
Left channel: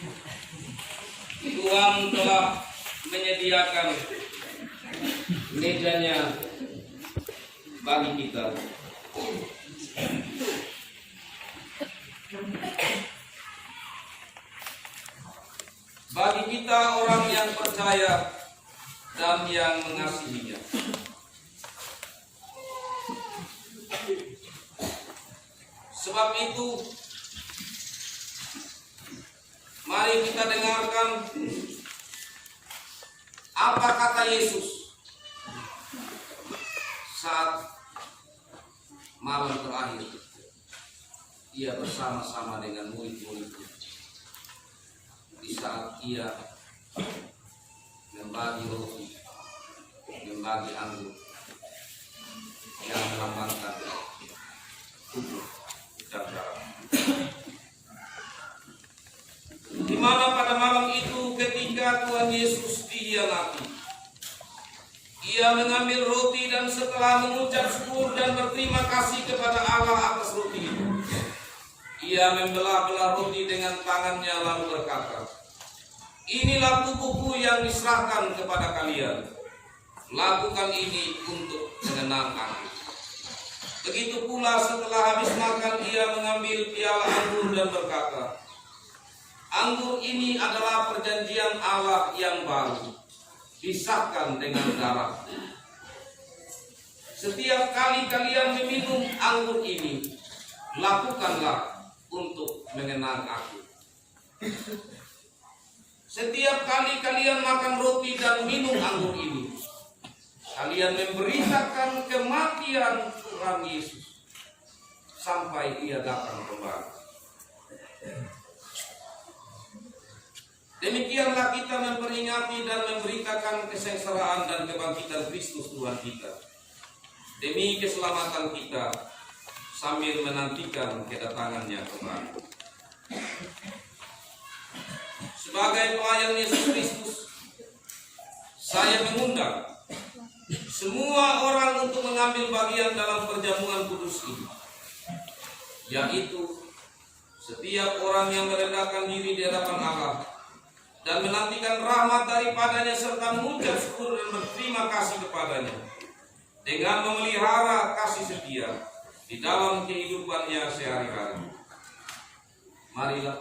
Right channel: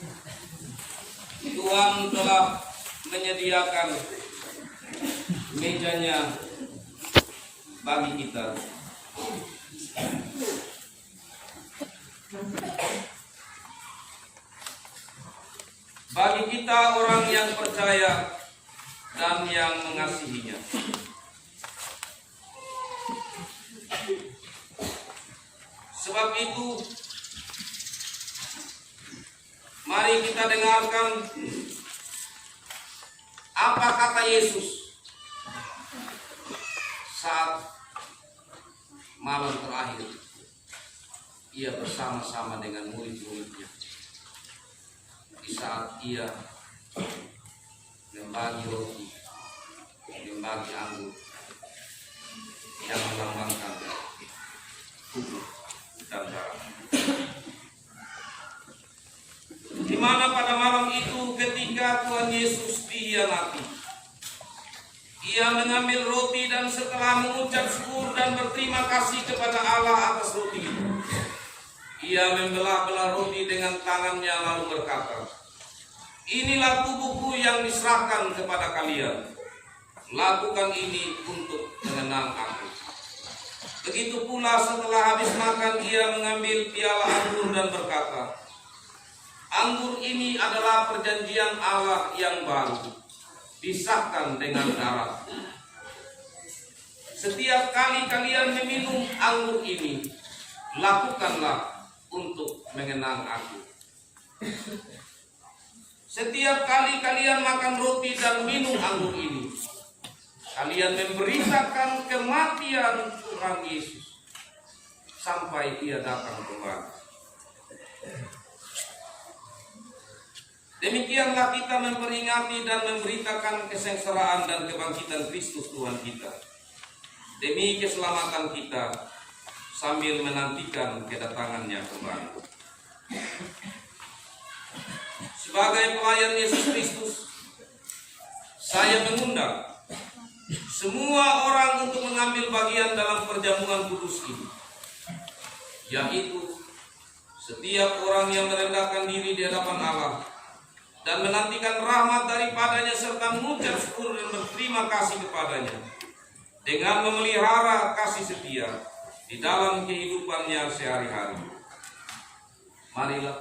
Tuhan telah menyediakan mejanya bagi kita. Bagi kita orang yang percaya dan yang mengasihinya. Sebab itu, mari kita dengarkan apa kata Yesus saat malam terakhir ia bersama-sama dengan murid-muridnya, di saat ia membagi roti, membagi anggur yang melambangkan tubuh dan darah. Di mana pada malam itu ketika Tuhan Yesus dihianati, ia mengambil roti dan setelah mengucap syukur dan berterima kasih kepada Allah atas roti itu, ia membelah-belah roti dengan tangannya lalu berkata, "Inilah tubuhku yang diserahkan kepada kalian. Lakukan ini untuk mengenang aku." Begitu pula setelah habis makan ia mengambil piala anggur dan berkata, "Anggur ini adalah perjanjian Allah yang baru, disahkan dengan darah. Setiap kali kalian meminum anggur ini, lakukanlah untuk mengenang aku. Setiap kali kalian makan roti dan minum anggur ini, kalian memberitakan kematian Tuhan Yesus sampai ia datang kembali." Demikianlah kita memperingati dan memberitakan kesengsaraan dan kebangkitan Kristus Tuhan kita, demi keselamatan kita, sambil menantikan kedatangannya kembali. Sebagai pelayan Yesus Kristus, saya mengundang semua orang untuk mengambil bagian dalam perjamuan kudus ini, yaitu setiap orang yang merendahkan diri di hadapan Allah dan menantikan rahmat daripadanya serta mengucap syukur dan berterima kasih kepadanya dengan memelihara kasih setia di dalam kehidupannya sehari-hari. Marilah,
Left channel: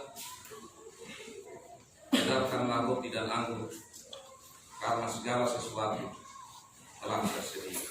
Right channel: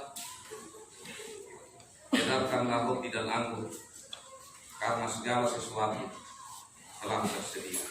edarkanlah roti dan anggur, karena segala sesuatu telah tersedia.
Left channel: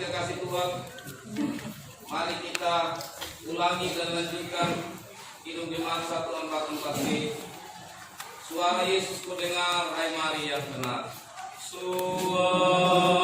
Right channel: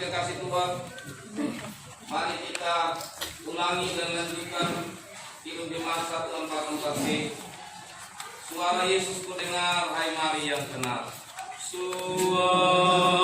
Kekasih Tuhan, mari kita ulangi dan lanjutkan Kidung Jemaat 144B. Suara Yesus ku dengar, hai mari yang benar. Suara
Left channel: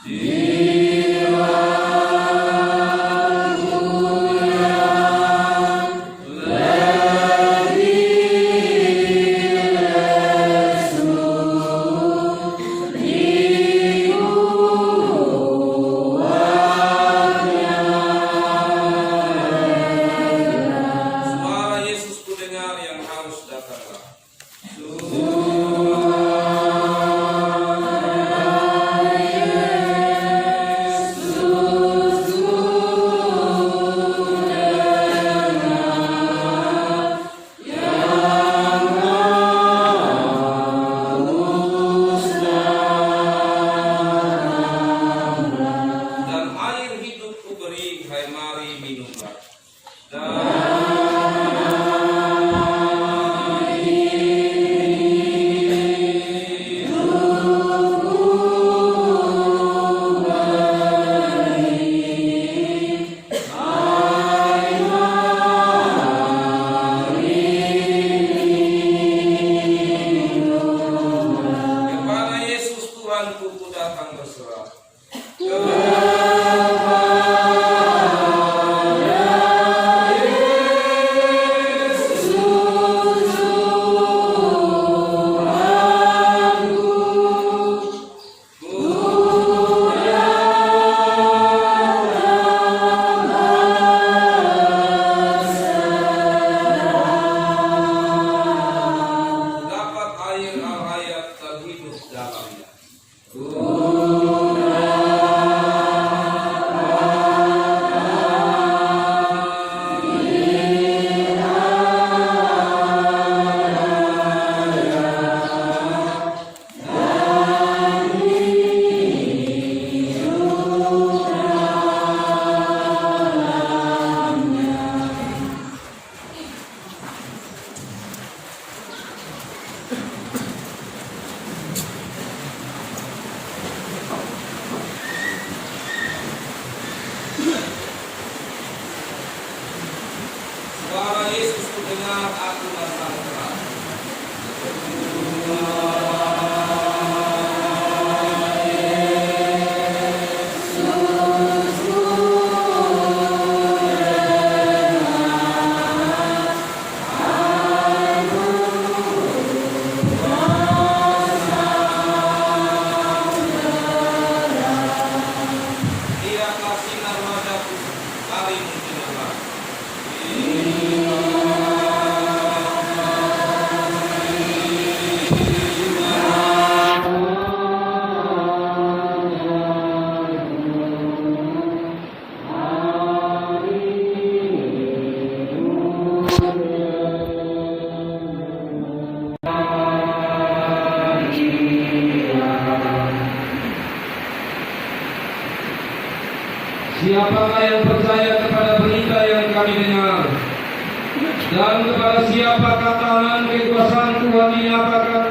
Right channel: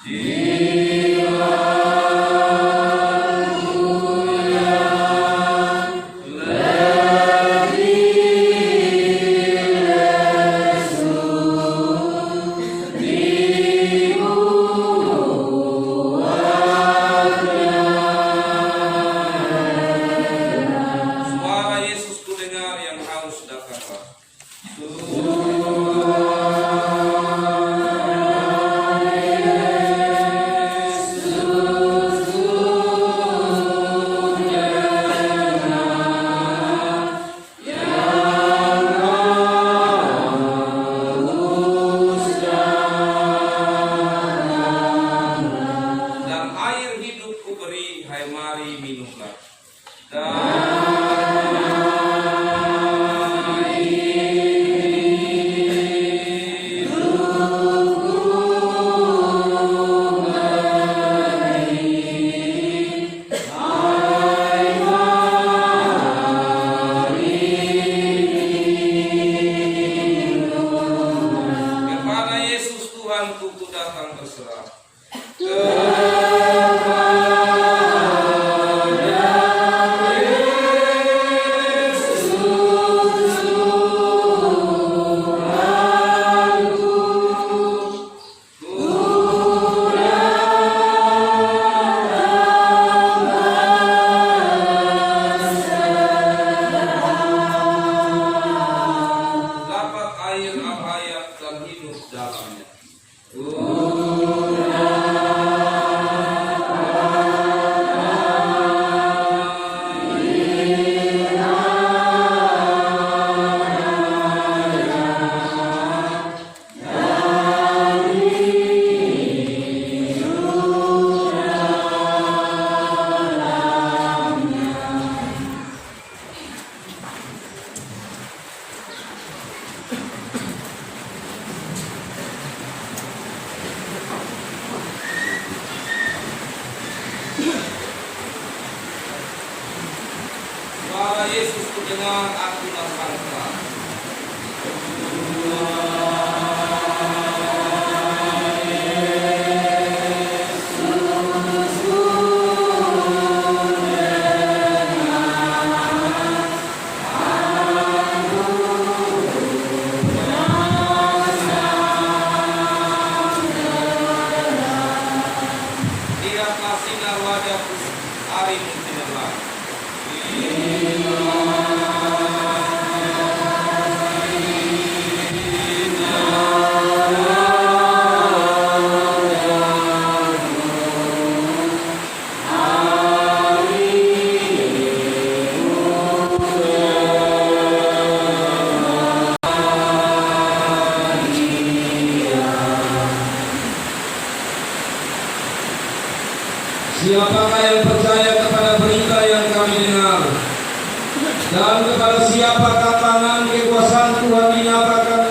Suara Yesus ku dengar, yang haus datanglah. Dan air hidup ku beri, hai mari minumlah. Kepada Yesus Tuhanku ku datang berserah. Dapat air al-hayat dan hidup dalamnya. Suara Yesus ku dengar, aku merasa terang. Lihatlah sinar wajahku, hari mencemerlang. Siapakah yang percaya kepada berita yang kami dengar? Dan kepada siapakah tangan kekuasaan Tuhan dinyatakan?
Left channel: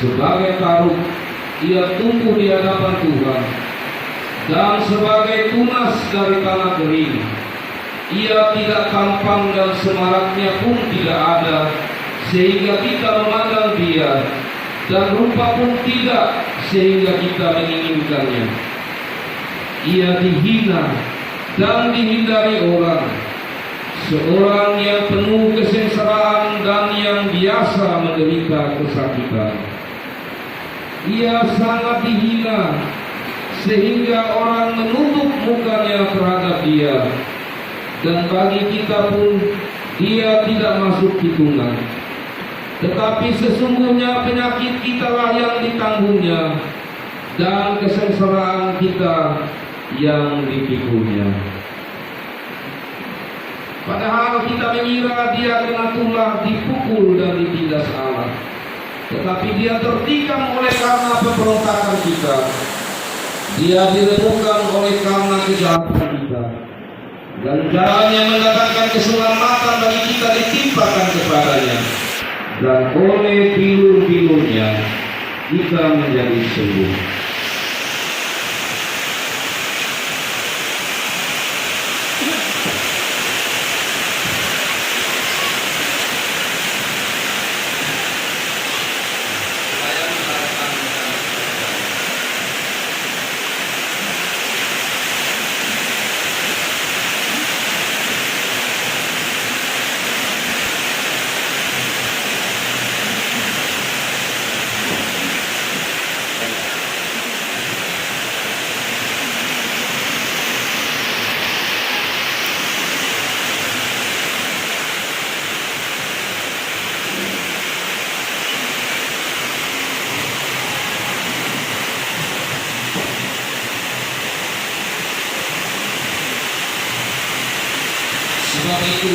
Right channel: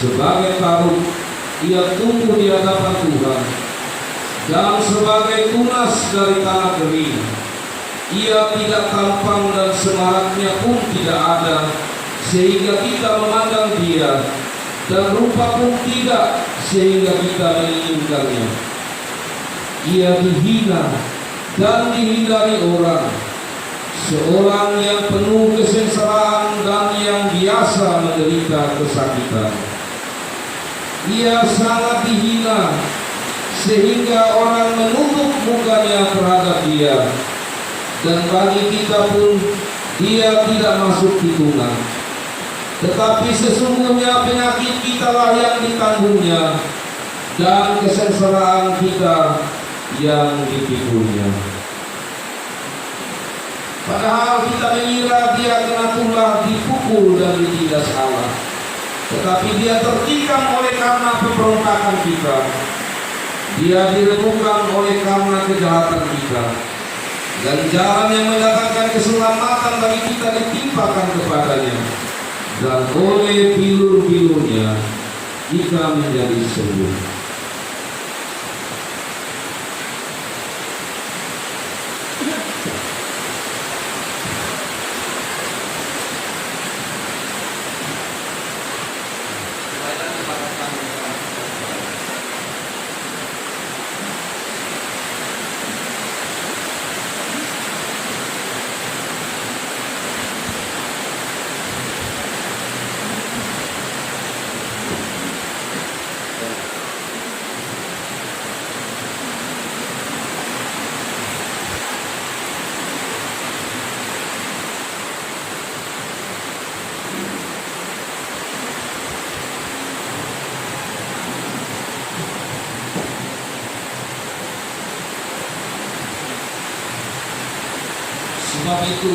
Sebagai taruh, ia tumbuh di hadapan Tuhan. Dan sebagai tunas dari tanah kering, ia tidak tampang dan semaraknya pun tidak ada, sehingga kita memandang dia, dan rupa pun tidak, sehingga kita menginginkannya. Ia dihina dan dihindari orang, seorang yang penuh kesengsaraan dan yang biasa menderita kesakitan. Ia sangat dihina sehingga orang menunduk mukanya terhadap dia, dan bagi kita pun dia tidak masuk hitungan. Tetapi sesungguhnya penyakit kita lah yang ditanggungnya, dan kesengsaraan kita yang dipikunya. Padahal kita mengira dia kena tulah, dipukul dan ditindas Allah. Tetapi dia tertikam oleh karena pemberontakan kita. Dia diremukkan oleh karena kejahatan kita. Dan jalan yang mendatangkan keselamatan bagi kita ditimpakan kepadanya. Dan oleh bilur-bilurnya kita menjadi sembuh. sebab itu,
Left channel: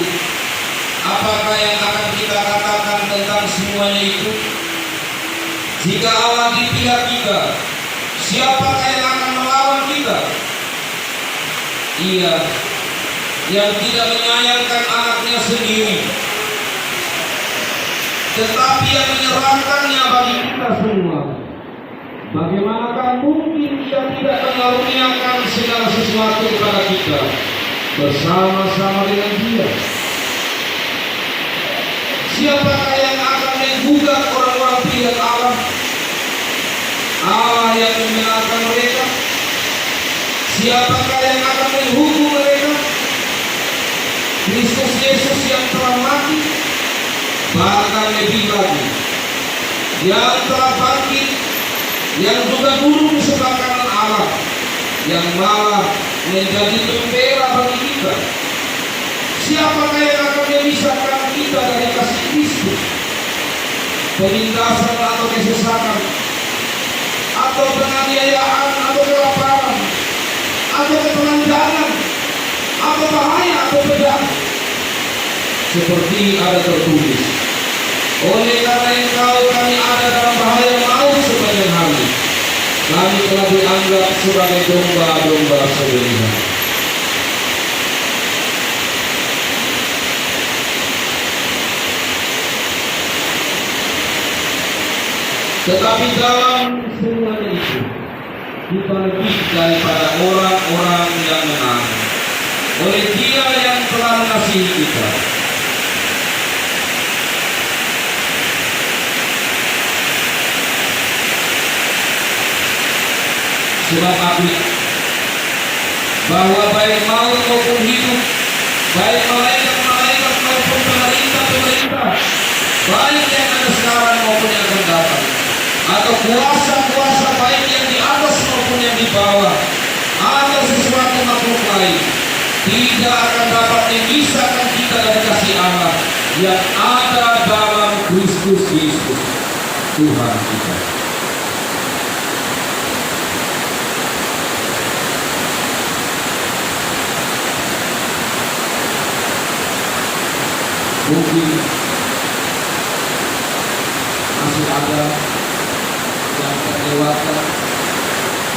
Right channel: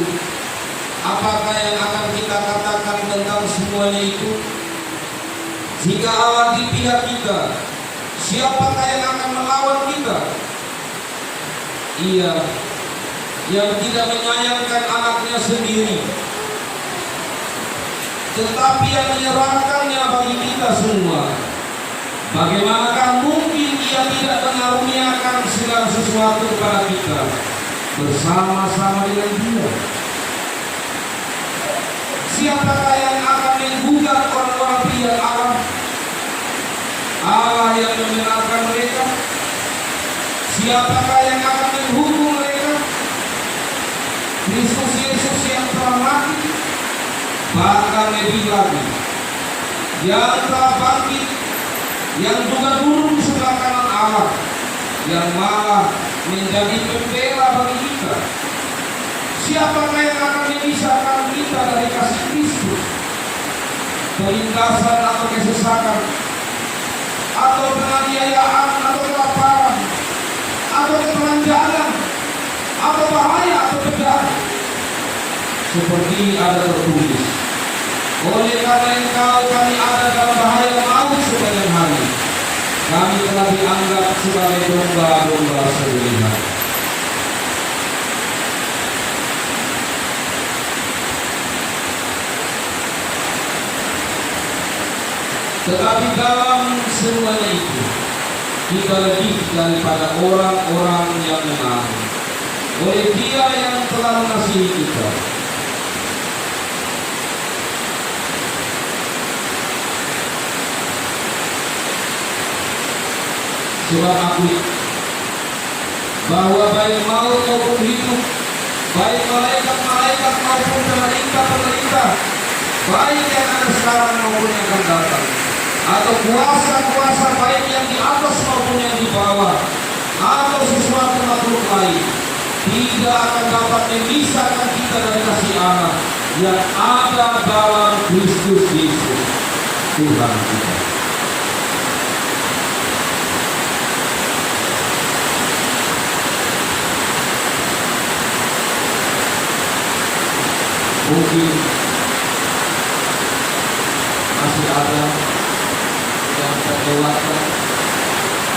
apakah yang akan kita katakan tentang semuanya itu? Jika Allah di pihak kita, siapakah yang akan melawan kita? Ia yang tidak menyayangkan anaknya sendiri, tetapi yang menyerahkannya bagi kita semua. Bagaimanakah mungkin Ia tidak mengaruniakan segala sesuatu kepada kita bersama-sama dengan Dia? Siapakah yang akan menggugat orang-orang pilihan Allah? Allah yang menyelamatkan mereka. Siapakah yang akan menghukum mereka? Kristus Yesus yang telah mati, bahkan lebih lagi, yang telah bangkit, yang juga duduk di sebelah kanan Allah, yang malah menjadi pembela bagi kita. Siapakah yang akan memisahkan kita dari kasih Kristus? Penindasan atau kesesatan, atau penganiayaan, atau kelaparan, atau ketelanjangan, atau bahaya, atau pedang? Seperti ada tertulis, oleh karena Engkau kami ada dalam bahaya maut sepanjang hari. Kami telah dianggap sebagai domba-domba sembelihan. Tetapi dalam semuanya itu, kita lebih daripada orang-orang yang menang oleh Dia yang telah mengasihi kita. Sebab aku bahwa baik maut maupun hidup, baik malaikat-malaikat maupun pemerintah-pemerintah, baik yang ada sekarang maupun yang akan datang, atau kuasa-kuasa baik yang di atas maupun yang di bawah, atau sesuatu makhluk lain, tidak akan dapat memisahkan kita dari kasih Allah yang ada dalam Kristus Yesus Tuhan kita. Mungkin masih ada yang terlewatkan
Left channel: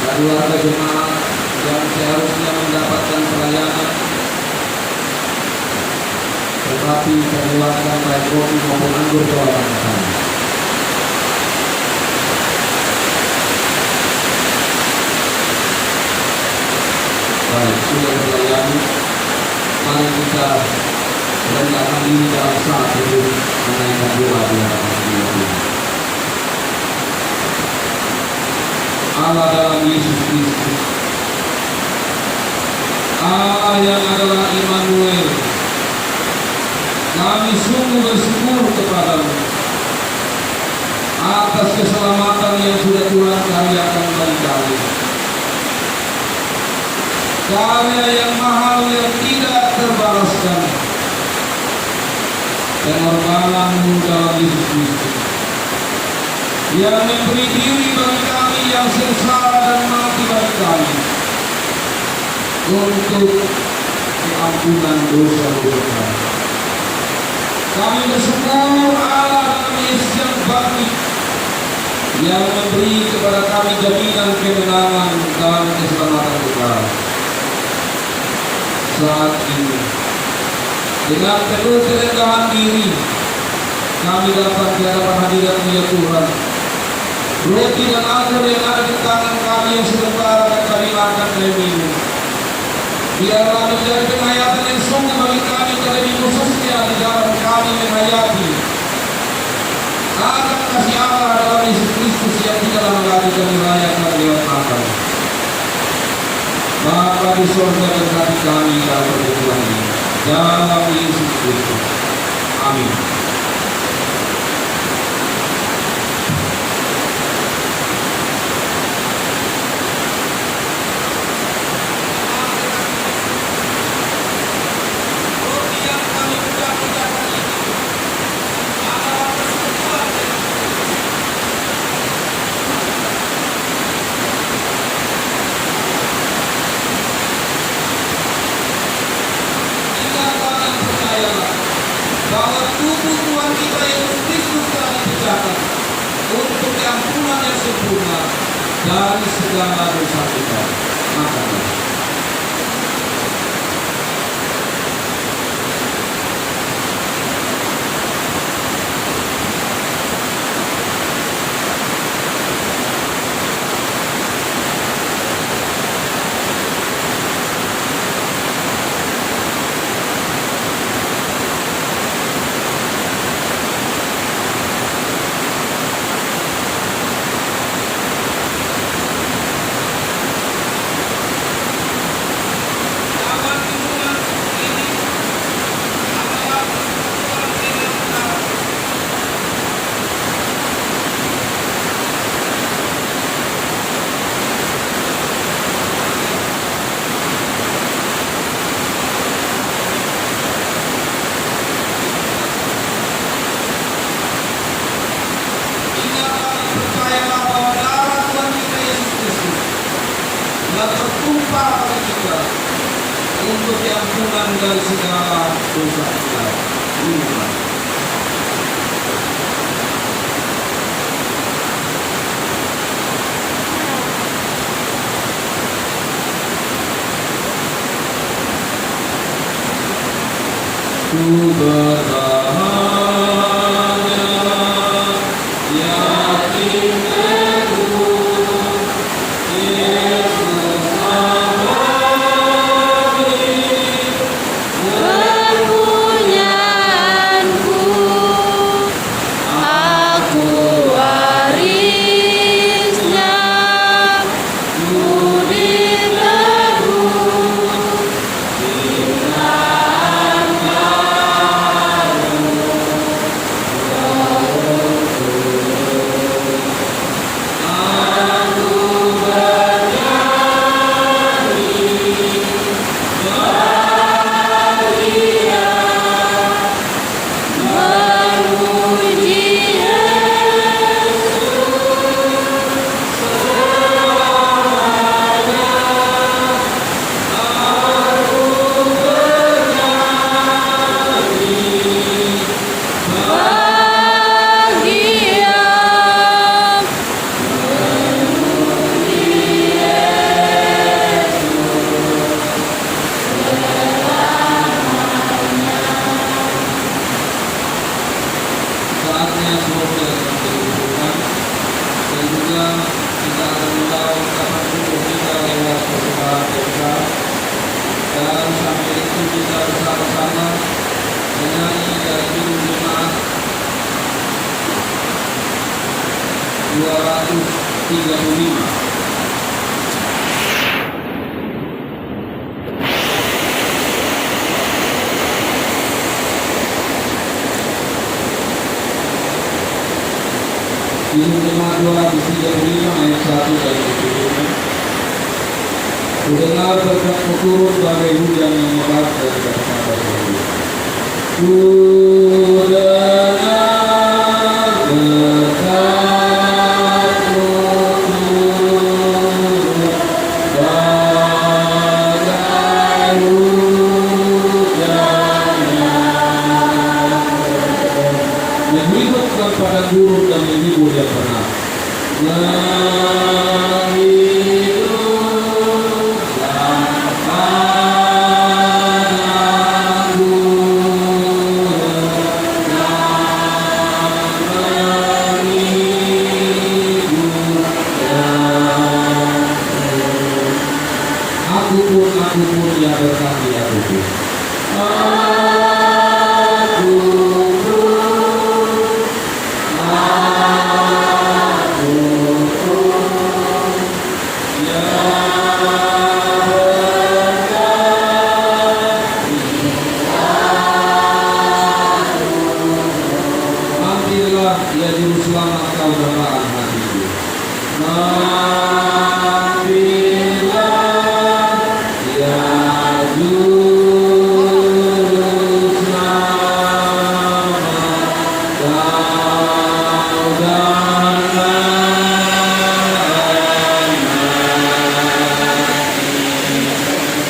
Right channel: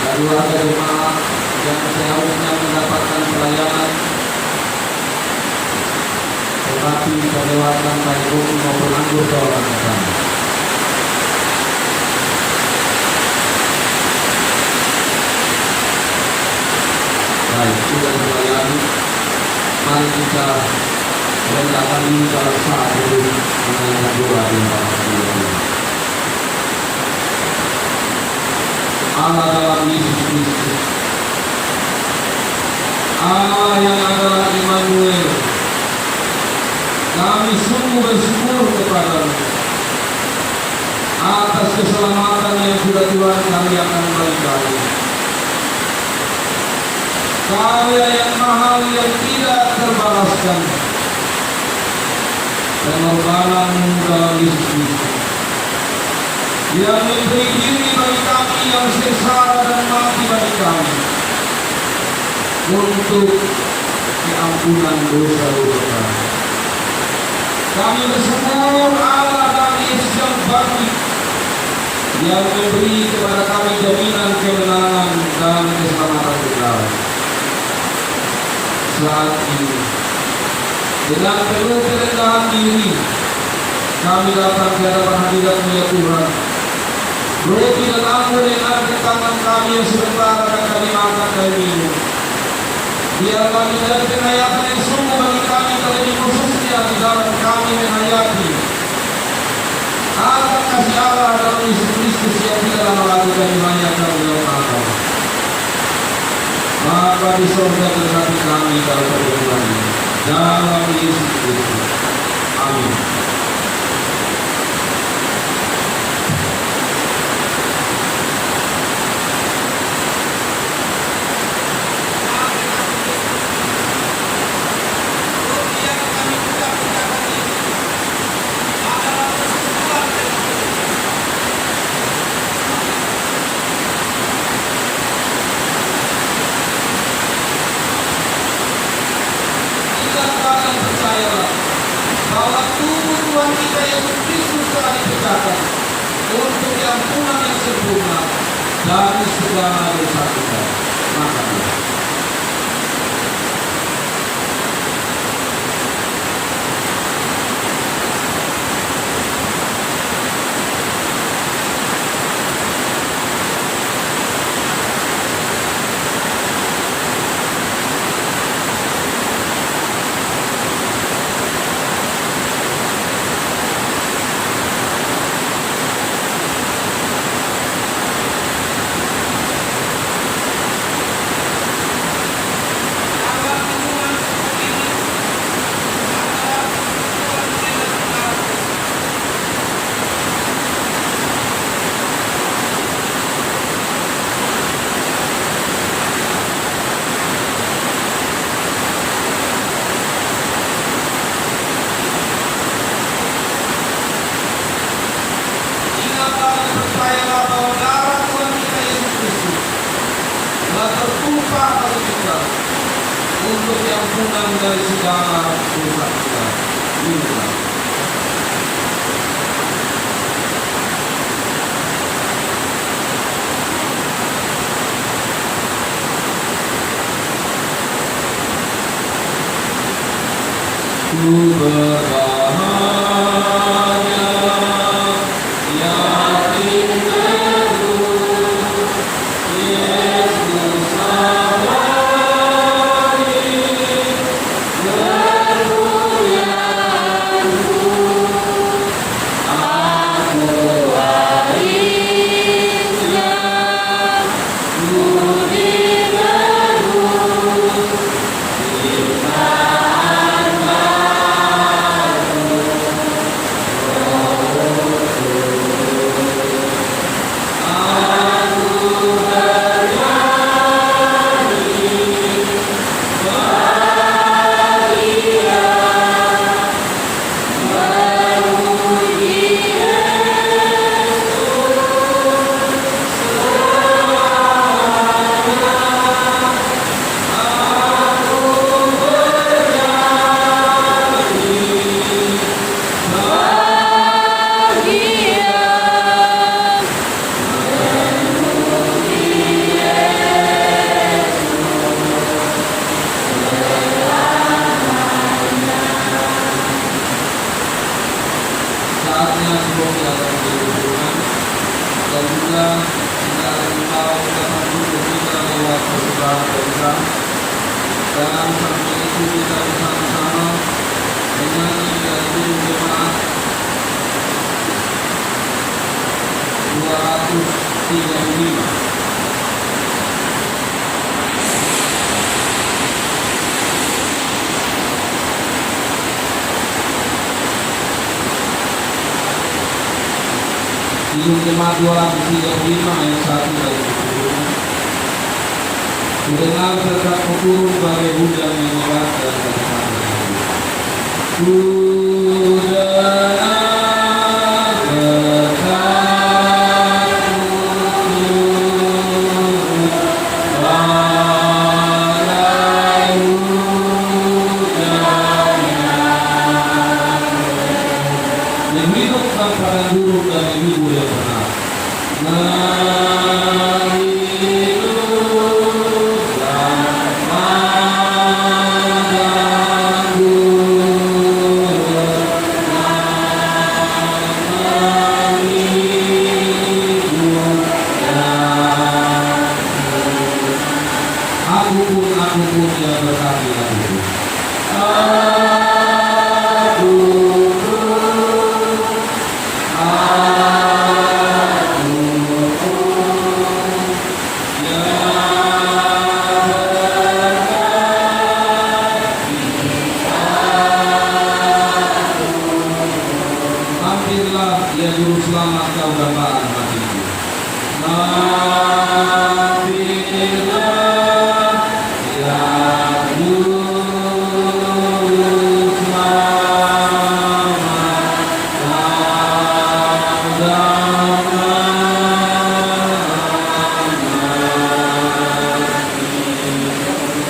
dari warga jemaat yang seharusnya mendapatkan pelayanan, tetapi terlewatkan baik roti maupun anggur dalam sana. Baik, sudah melayani, mari kita rendahkan diri dalam saat itu menaikkan doa dengan Tuhan. Allah dalam Yesus Kristus, Allah yang adalah Immanuel, kami sungguh bersyukur kepadamu atas keselamatan yang sudah Tuhan karyakan bagi kami. Karya yang mahal yang tidak terbalaskan, pengorbanan-Mu dalam Yesus Kristus yang memberi diri bagi kami yang sengsara dan mati bagi kami untuk keampunan dosa-dosa kami. Kami bersyukur Allah dalam Yesus yang bangkit, yang memberi kepada kami jaminan kemenangan dan keselamatan kekal. Saat ini dengan penuh kerendahan diri kami datang ke hadapan hadirat-Mu ya Tuhan. Roti dan anggur yang ada di tangan kami yang sementara akan kami makan dan minum, biarlah menjadi penghayatan yang sungguh bagi kami, terlebih khususnya di dalam kami menghayati akan kasih Allah dalam Yesus Kristus yang tidak lama lagi kami rayakan dalam Natal. Bapa di surga, berkati kami dalam pertemuan ini dalam Yesus Kristus. Amin. Kita akan Tuhan kita Yesus Kristus telah dipecahkan untuk diampunan yang sempurna dari segala dosa kita. Makanlah. Untuk diampunan dari segala dosa kita. Minumlah. Ku berbahagia, yakin teguh, Yesus dan sambil itu kita bersama-sama menyanyi dari judul jemaat 235. Judul jemaat 235 ayat 1 dari judulnya. Kudengar berkat turun bagai hujan yang lebat dari daripada bumi. Kudengar berkat turun bagai hujan yang menghidupkan padang gurun dan menghibur yang benar. Aku pun yang berkati aku pun. Hampirlah ya juru selamat kau dambaan hatiku.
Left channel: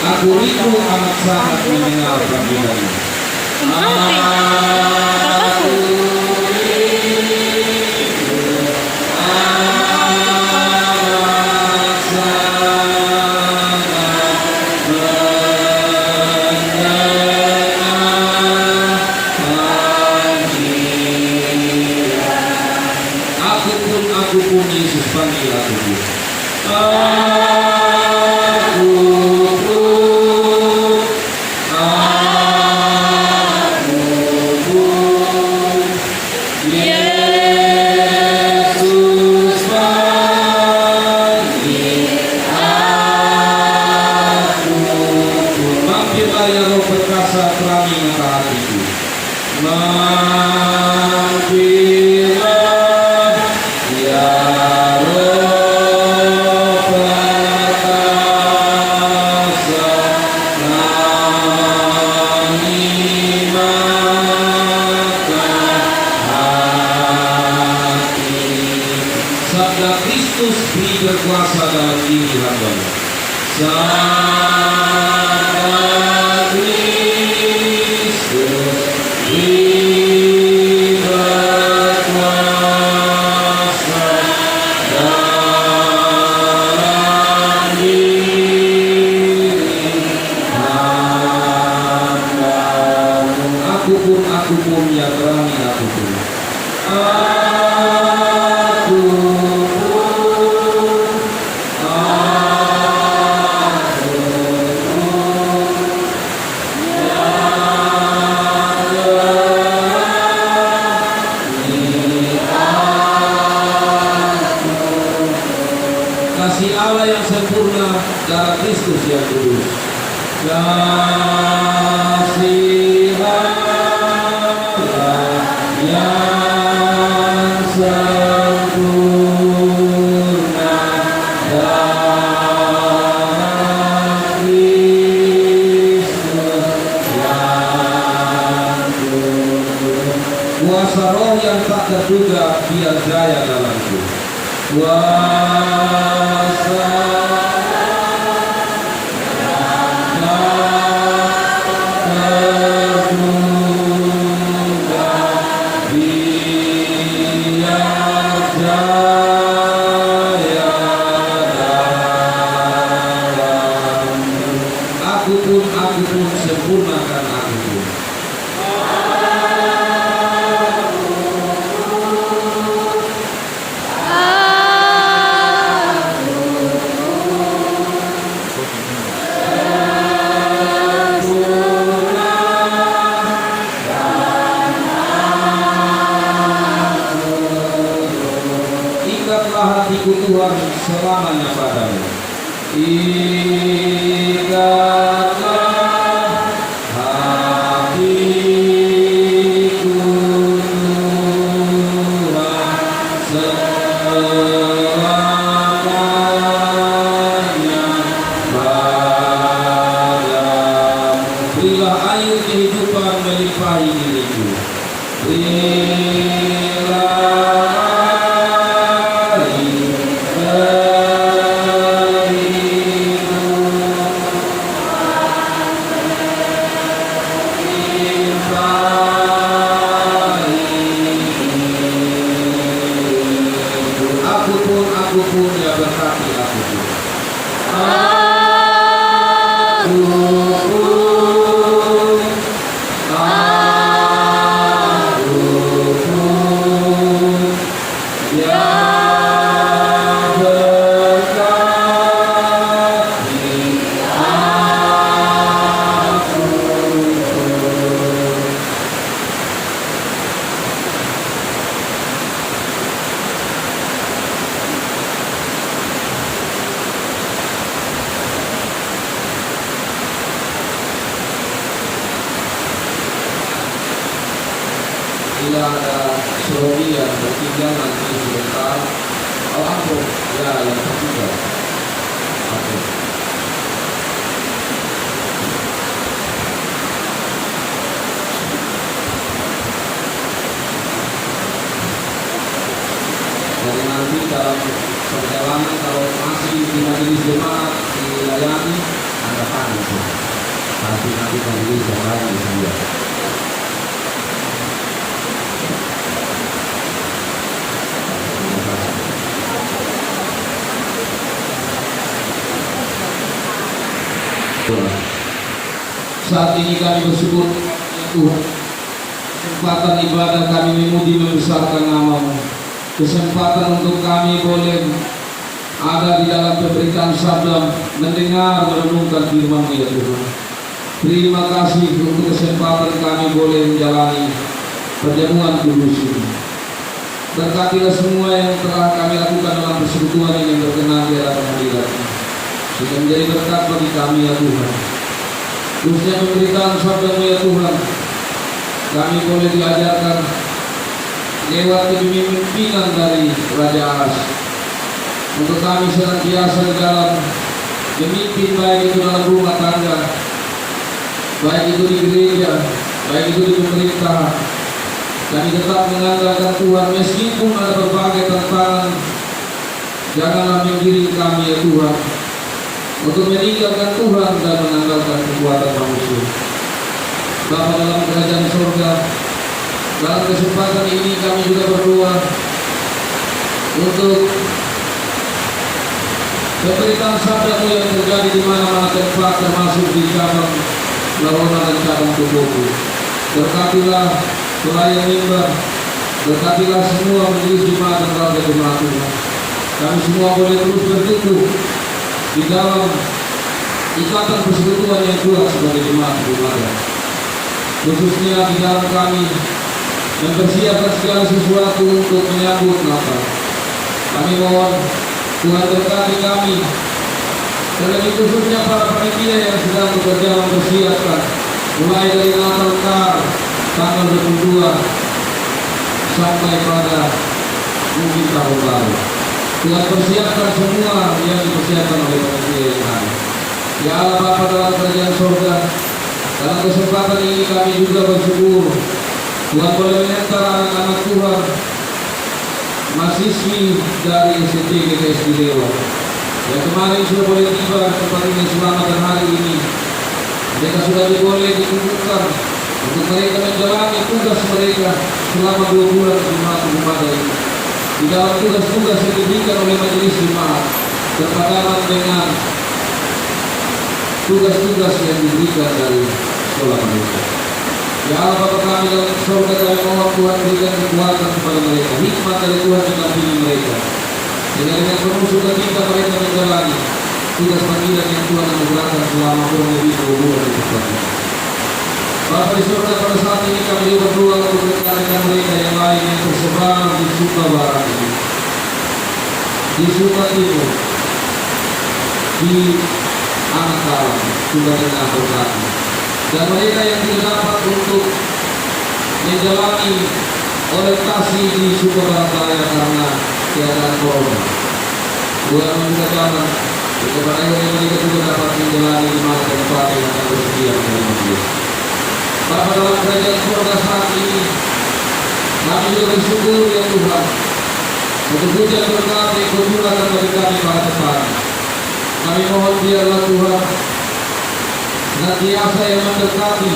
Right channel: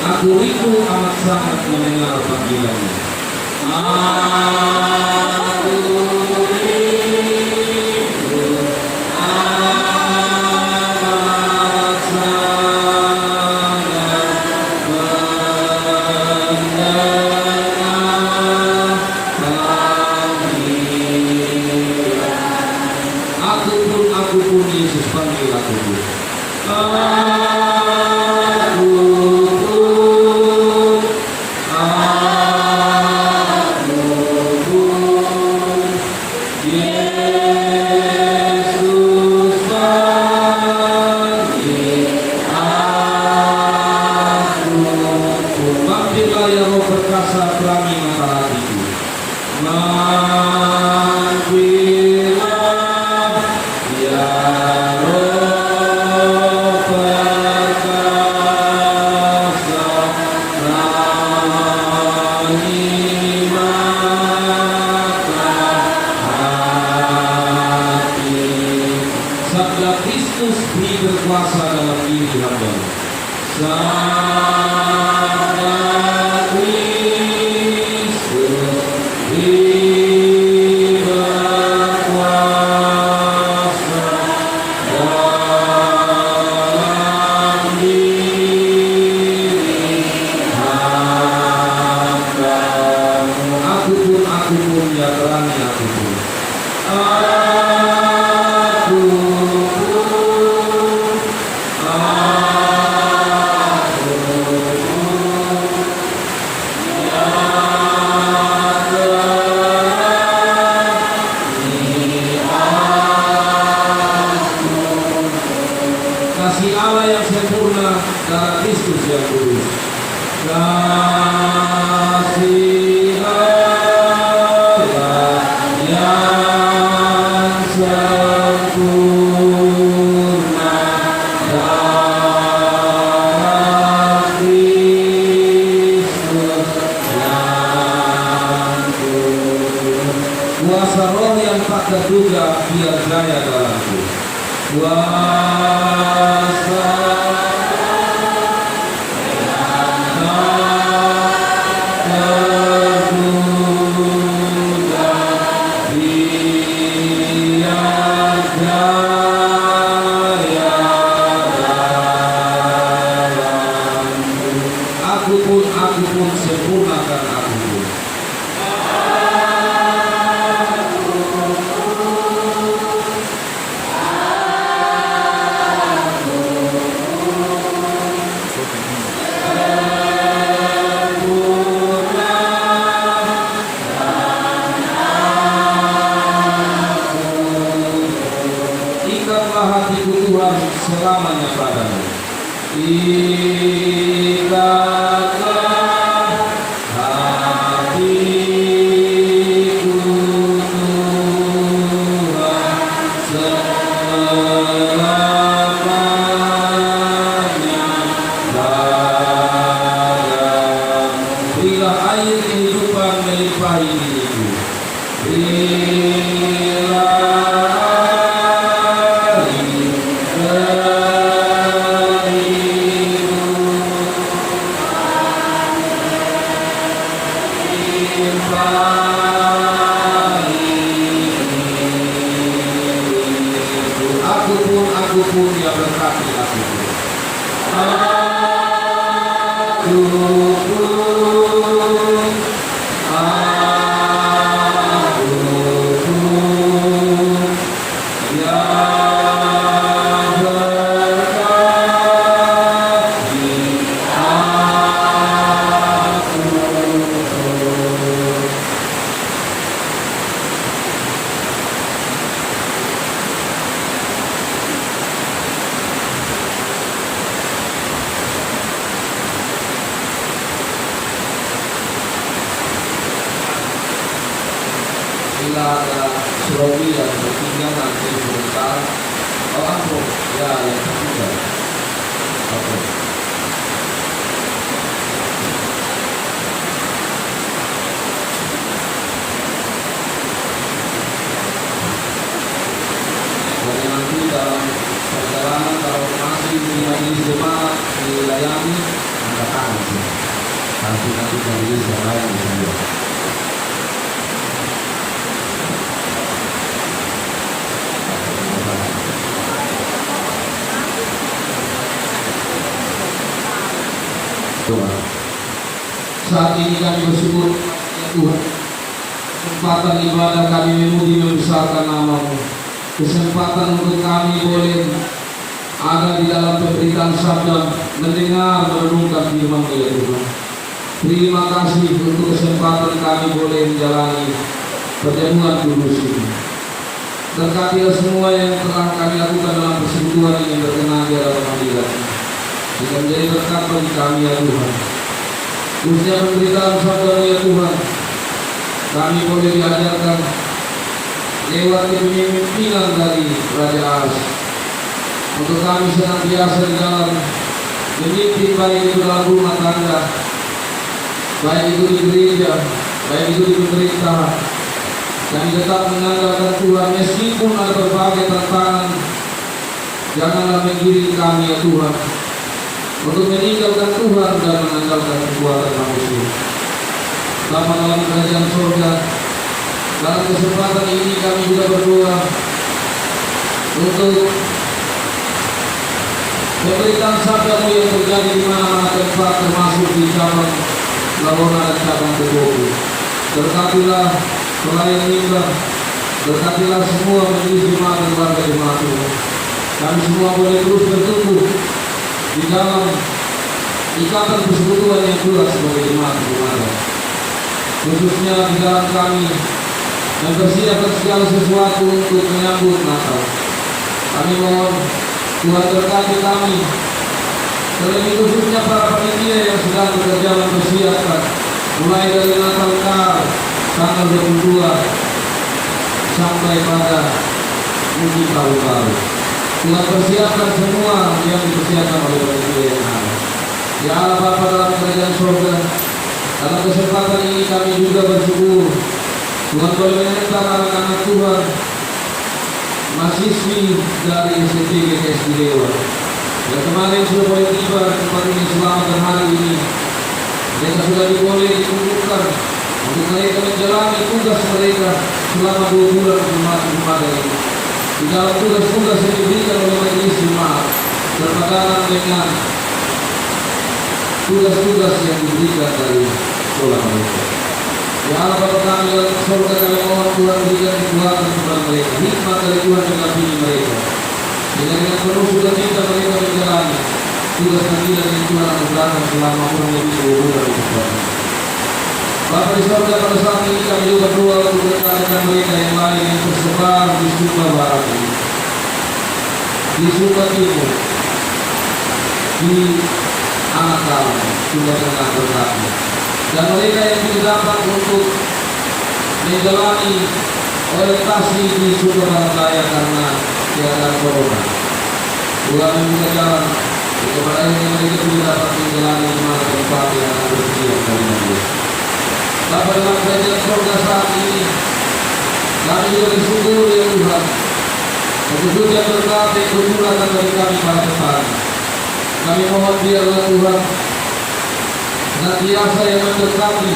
Aku rindu amat sangat mendengar panggilanmu. Aku rasa pelangi mata hatiku. Manggillah ya Roh perkasa, pelangi mata hati. Sabda Kristus beri berkuasa dalam diri hamba-Mu. Sabda Kristus beri berkuasa dalam diri hamba-Mu. Aku pun ya pelangi aku pun. Kasih Allah yang sempurna, darah Kristus yang kudus. Kasih Allah yang sempurna, darah Kristus yang kudus. Kuasa Roh yang tak terduga biar jaya dalamku. Kuasa yang tak terduga biar jaya dalamku. Aku pun sempurnakan aku pun. Ikatlah hatiku Tuhan selamanya padamu. Ikatlah hatiku Tuhan selamanya padamu. Berilah air kehidupan melimpahi diriku. Aku pun ya berkati aku pun. Aku pun ya berkati aku pun. Bila ada suami yang bertiga nanti sebentar. Oh aku ya yang ketiga. Oke. Jadi nanti dalam perjalanan kalau masih di majelis jemaat dilayani angkat tangan sih. Nanti majelis yang lain bisa. Saat ini kami bersyukur Tuhan, kesempatan ibadah kami memuji membesarkan nama-Mu, kesempatan untuk kami boleh ada di dalam pemberitaan sabda, mendengar merenungkan firman-Mu ya Tuhan. Terima kasih untuk kesempatan kami boleh menjalani perjamuan kudus ini. Berkatilah semua yang telah kami lakukan dalam persekutuan yang berkenan di hadapan Hadirat, sehingga menjadi berkat bagi kami ya Tuhan. khususnya pemberitaan sabda-Mu ya Tuhan. Kami boleh diajarkan lewat kepemimpinan dari Raja As, untuk kami senantiasa di dalam memimpin, baik itu dalam rumah tangga, baik itu di gereja, baik itu di pemerintahan. Kami tetap mengandalkan Tuhan meskipun ada berbagai tantangan. Janganlah menggiring kami ya Tuhan untuk meninggalkan Tuhan dan mengandalkan kekuatan manusia. Bapa dalam kerajaan surga, dalam kesempatan ini kami juga berdoa untuk pemberitaan sabda-Mu yang terjadi di mana-mana tempat, termasuk di cabang Lalona dan cabang Kedoku. Berkatilah pelayan mimbar, berkatilah semua majelis jemaat dan warga jemaat Tuhan. Kami semua boleh terus bertumbuh di dalam ikatan persekutuan yang kuat sebagai jemaat Tuhan. Khususnya di dalam kami mempersiapkan segala sesuatu untuk menyambut Natal. Kami mohon Tuhan berkati kami, terlebih khususnya para panitia yang sedang bekerja mempersiapkan mulai dari Natal tanggal 22 sampai pada mungkin tahun baru. Tuhan persiapkan semua yang dipersiapkan oleh panitia yang ada. Ya Allah Bapa dalam kerajaan surga, dalam kesempatan ini kami juga bersyukur Tuhan boleh menyertai anak-anak Tuhan, mahasiswi dari SMP GTS di Dewa yang kemarin sudah boleh tiba di tempat ini selamat hari ini. Mereka sudah boleh dikumpulkan untuk mereka menjalani tugas mereka selama 2 bulan di rumah ini. Di dalam tugas-tugas yang diberikan oleh majelis jemaat berpadanan dengan tugas-tugas yang diberikan dari sekolah mereka. Ya Allah Bapa kami dalam surga, kami mohon Tuhan berikan kekuatan kepada mereka, hikmat dari Tuhan yang dampingi mereka, dengan penuh sukacita mereka menjalani tugas panggilan yang Tuhan anugerahkan selama kurang lebih 2 bulan dari sekolah. Bapa di surga, pada saat ini kami juga berdoa untuk rekan-rekan mereka yang lain yang tersebar di Suka Barat ini, di Suka Timur, di Anakal, Suka Tengah Utara, dan mereka yang tidak dapat untuk menjalani orientasi di Suka Barat Raya karena keadaan corona. Tuhan membuka jalan kepada yang mereka tidak dapat menjalani di mana tempat yang akan bersedia dari Dia. Bapa dalam kerajaan surga saat ini, kami juga bersyukur ya Tuhan untuk hujan berkat yang bercurahkan bagi kami para petani. Kami mohon biarlah Tuhan senantiasa yang mendekati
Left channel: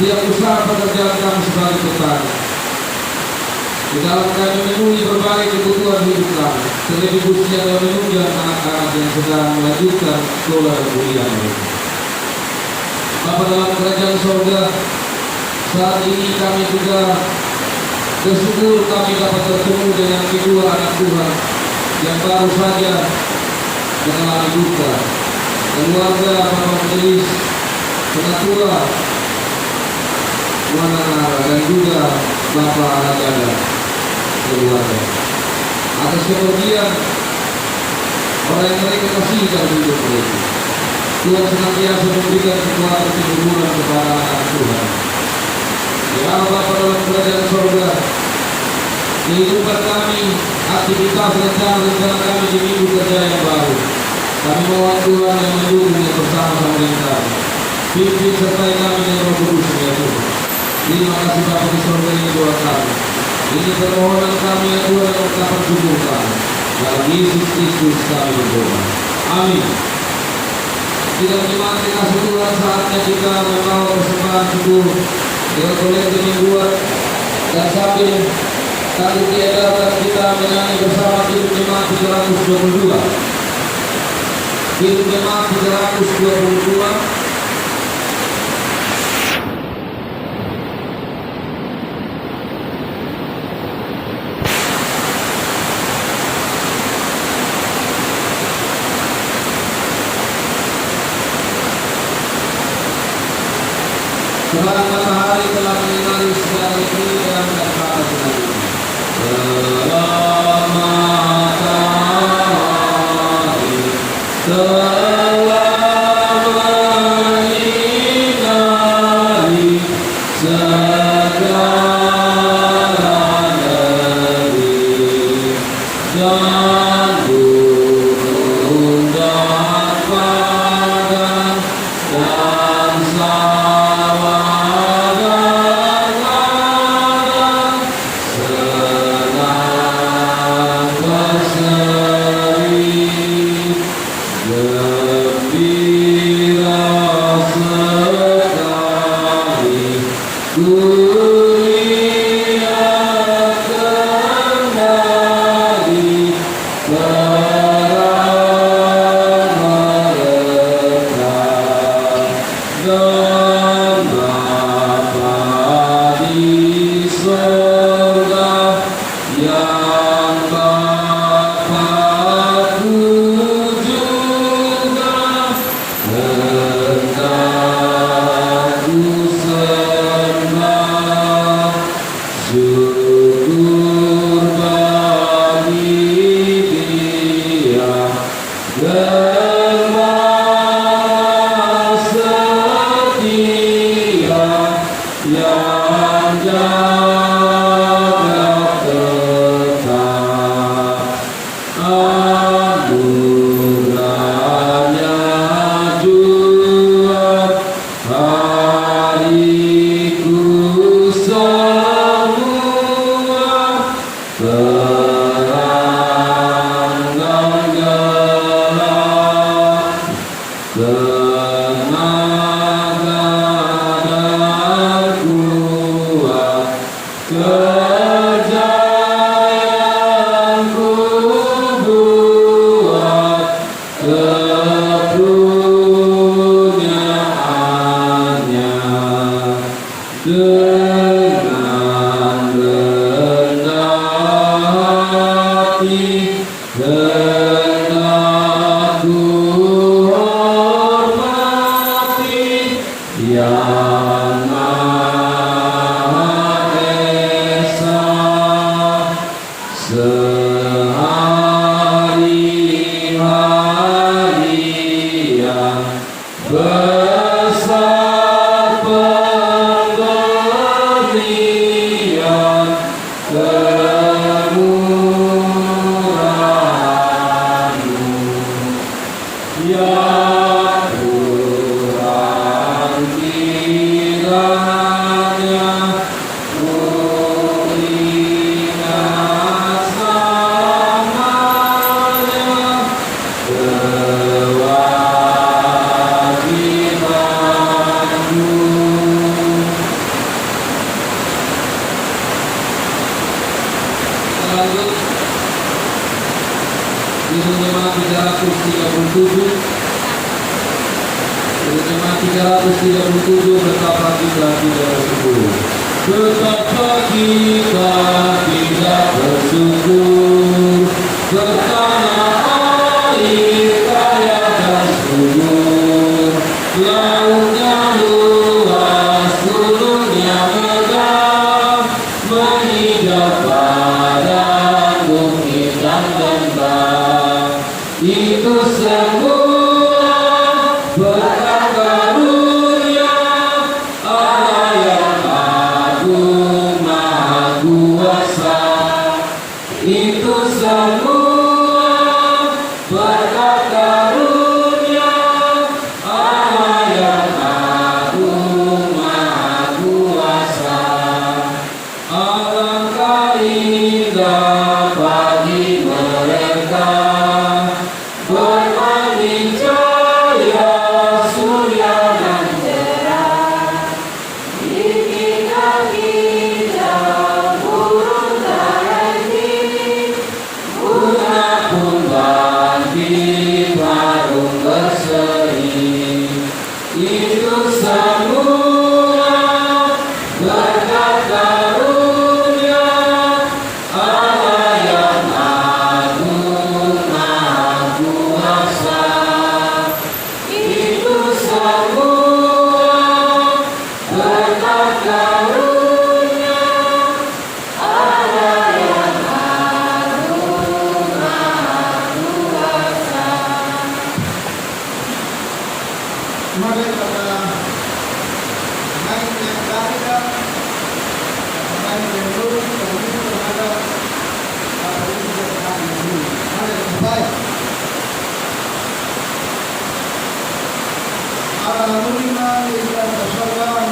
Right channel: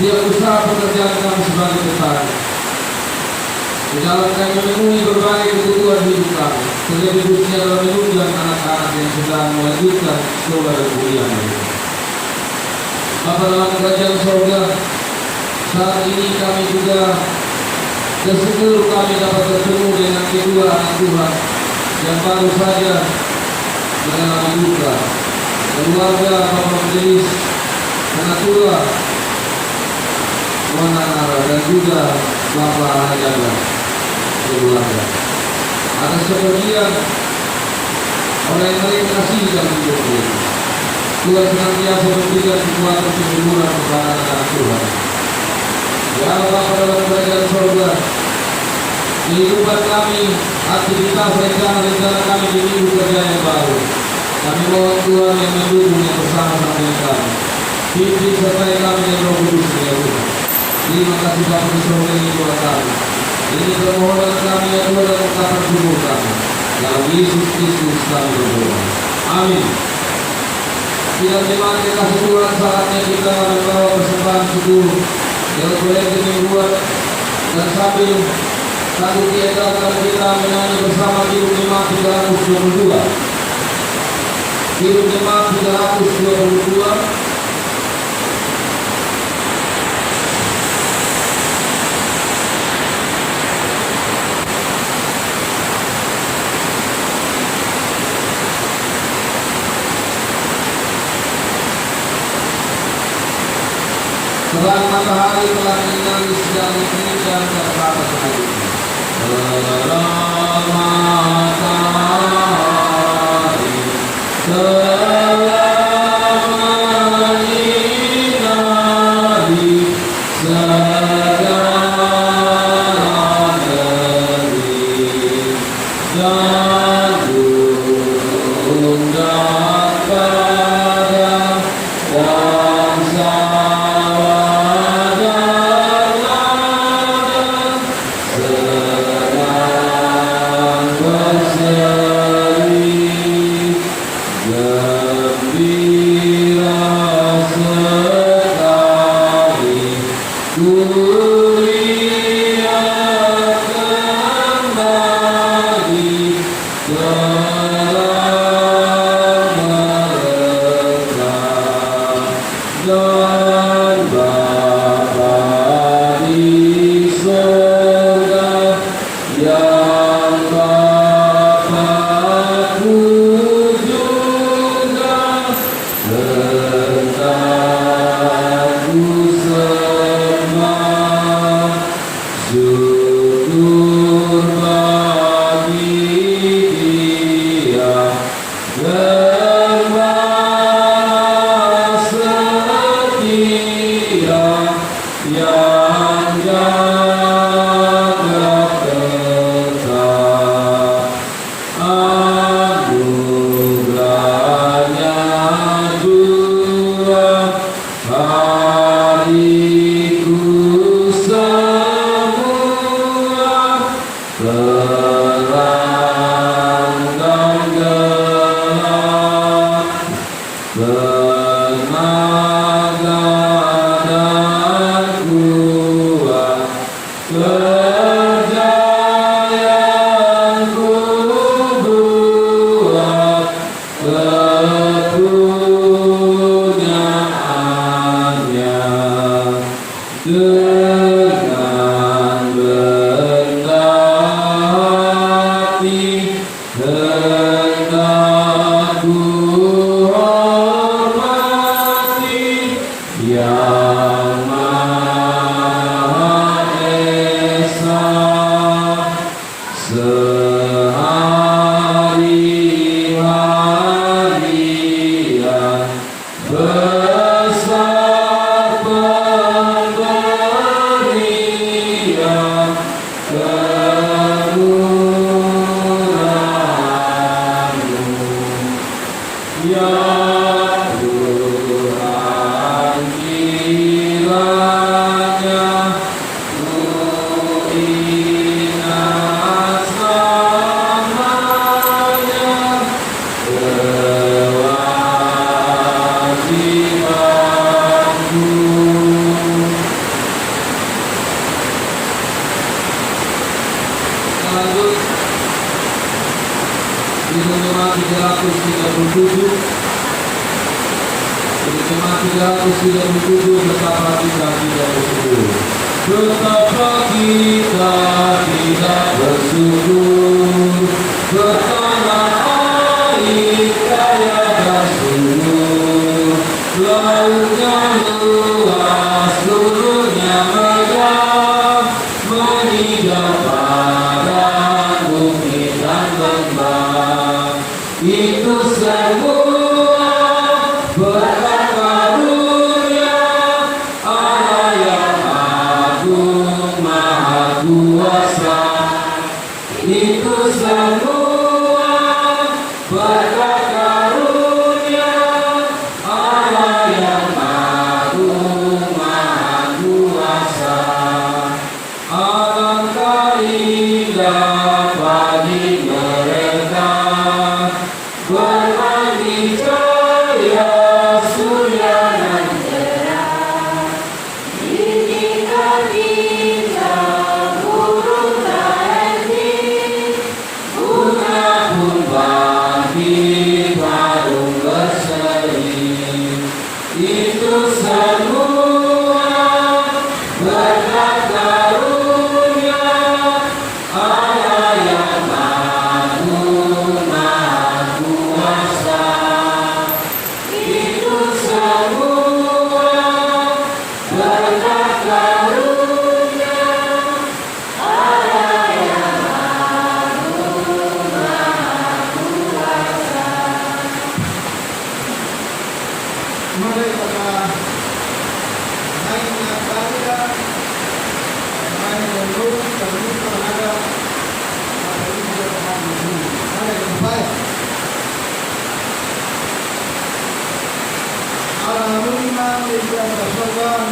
setiap usaha pekerjaan kami sebagai petani. Di dalam kami memenuhi berbagai kebutuhan hidup kami, terlebih khususnya dalam menunjang anak-anak yang sedang melanjutkan sekolah dan kuliah mereka. Bapa dalam kerajaan surga, saat ini kami juga bersyukur kami dapat bertemu dengan kedua anak Tuhan yang baru saja mengalami duka. Keluarga Bapak Majelis Pengatua Wanara dan juga Bapak Najala keluarga atas kepergian oleh yang mereka kasih dalam hidup mereka. Tuhan senantiasa memberikan kekuatan kehidupan kepada anak Tuhan. Ya Bapa dalam kerajaan surga, kehidupan kami, aktivitas rencana kami di minggu kerja yang baru, kami mohon Tuhan yang mendukung yang bersama dengan kami. Pimpin sertai kami dengan Roh Kudus ya Tuhan. Terima kasih Bapa di surga, ini doa kami. Ini permohonan kami ya Tuhan dan ungkapan syukur kami. Dalam Yesus Kristus kami berdoa. Amin. Tidak jemaat dikasih Tuhan, saatnya kita membawa persembahan syukur dengan kolektif mingguan, dan sambil diedarkan kita menyanyi bersama Kidung Jemaat 322. Kidung Jemaat 322. Sebab matahari telah menyinari segala negeri dan kata-kata selanjutnya. Sebab matahari telah menyinari para menerima yang bersokan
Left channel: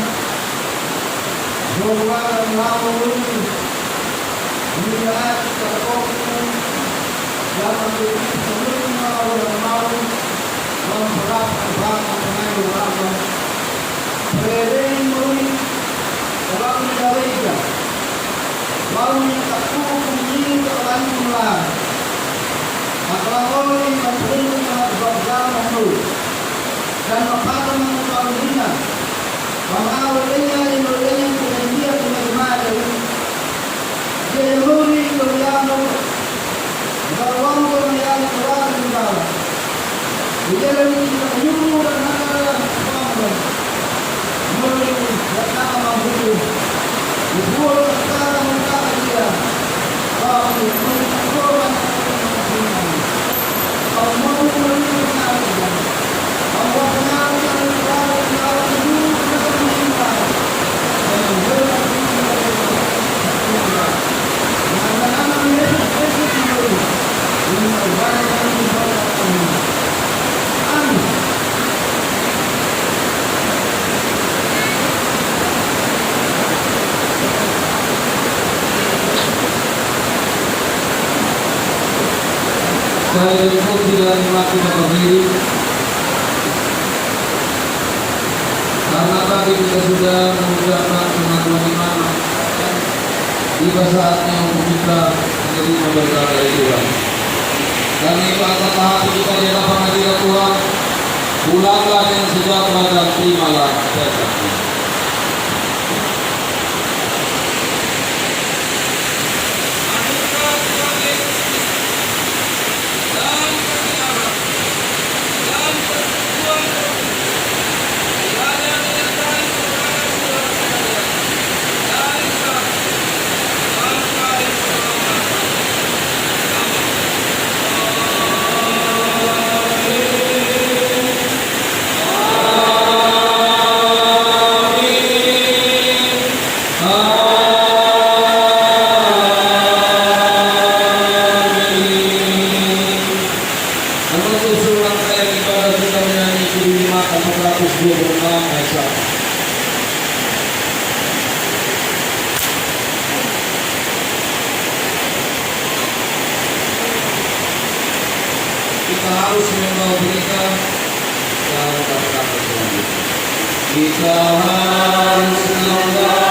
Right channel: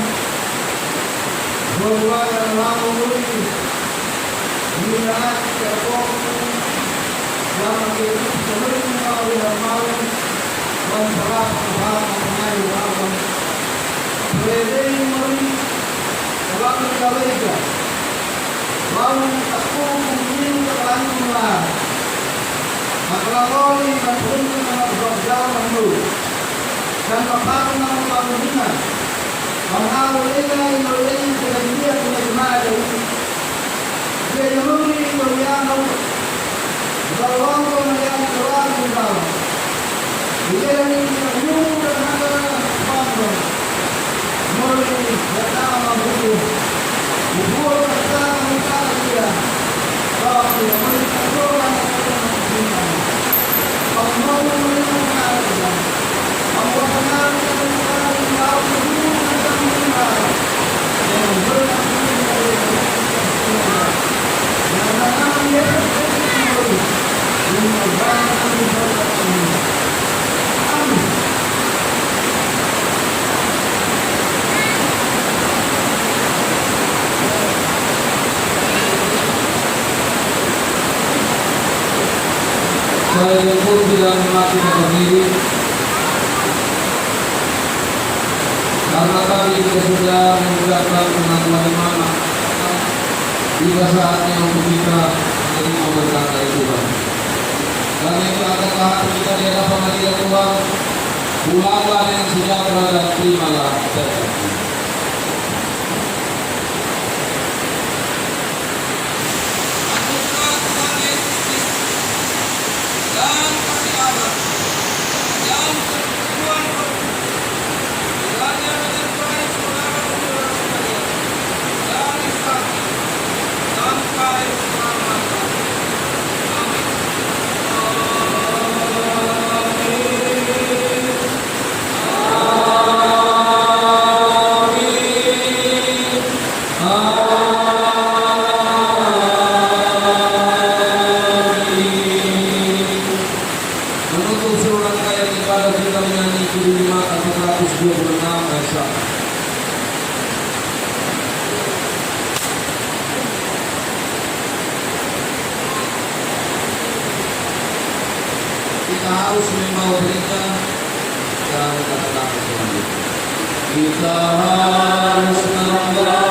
berwarna laut minat terkopi yang menjadi penerima oleh maut dan berat berat mengenai apa berdiri melalui orang Indonesia lalu aku kembali ke Langkunglah Makalangoli menerima beberapa menurut dan makanan mengawinkan mengawinnya Indonesia dan dia menerima dari dia nuri Indonesia beruang yang keluar di dalam dia dari penyuruh dan makanan bangga mulai datang mampu dibuat datang mengkata dia tapi mereka orang Allah menerima dia Allah benar benar jauh lebih benar dan benar nama Yesus Kristus yang berjalan di bawah kami. Amin. Saya pun tidak memakai diri karena tadi kita sudah mengucapkan pengakuan iman. Tiba saatnya untuk kita menerima berkat dari Tuhan. Dan itu adalah hati kita di dalam hadirat Tuhan. Pulanglah dengan sejahtera dan terimalah berkat-Nya. Kita harus membawa berita dan kata-kata selanjutnya. Kita harus membawa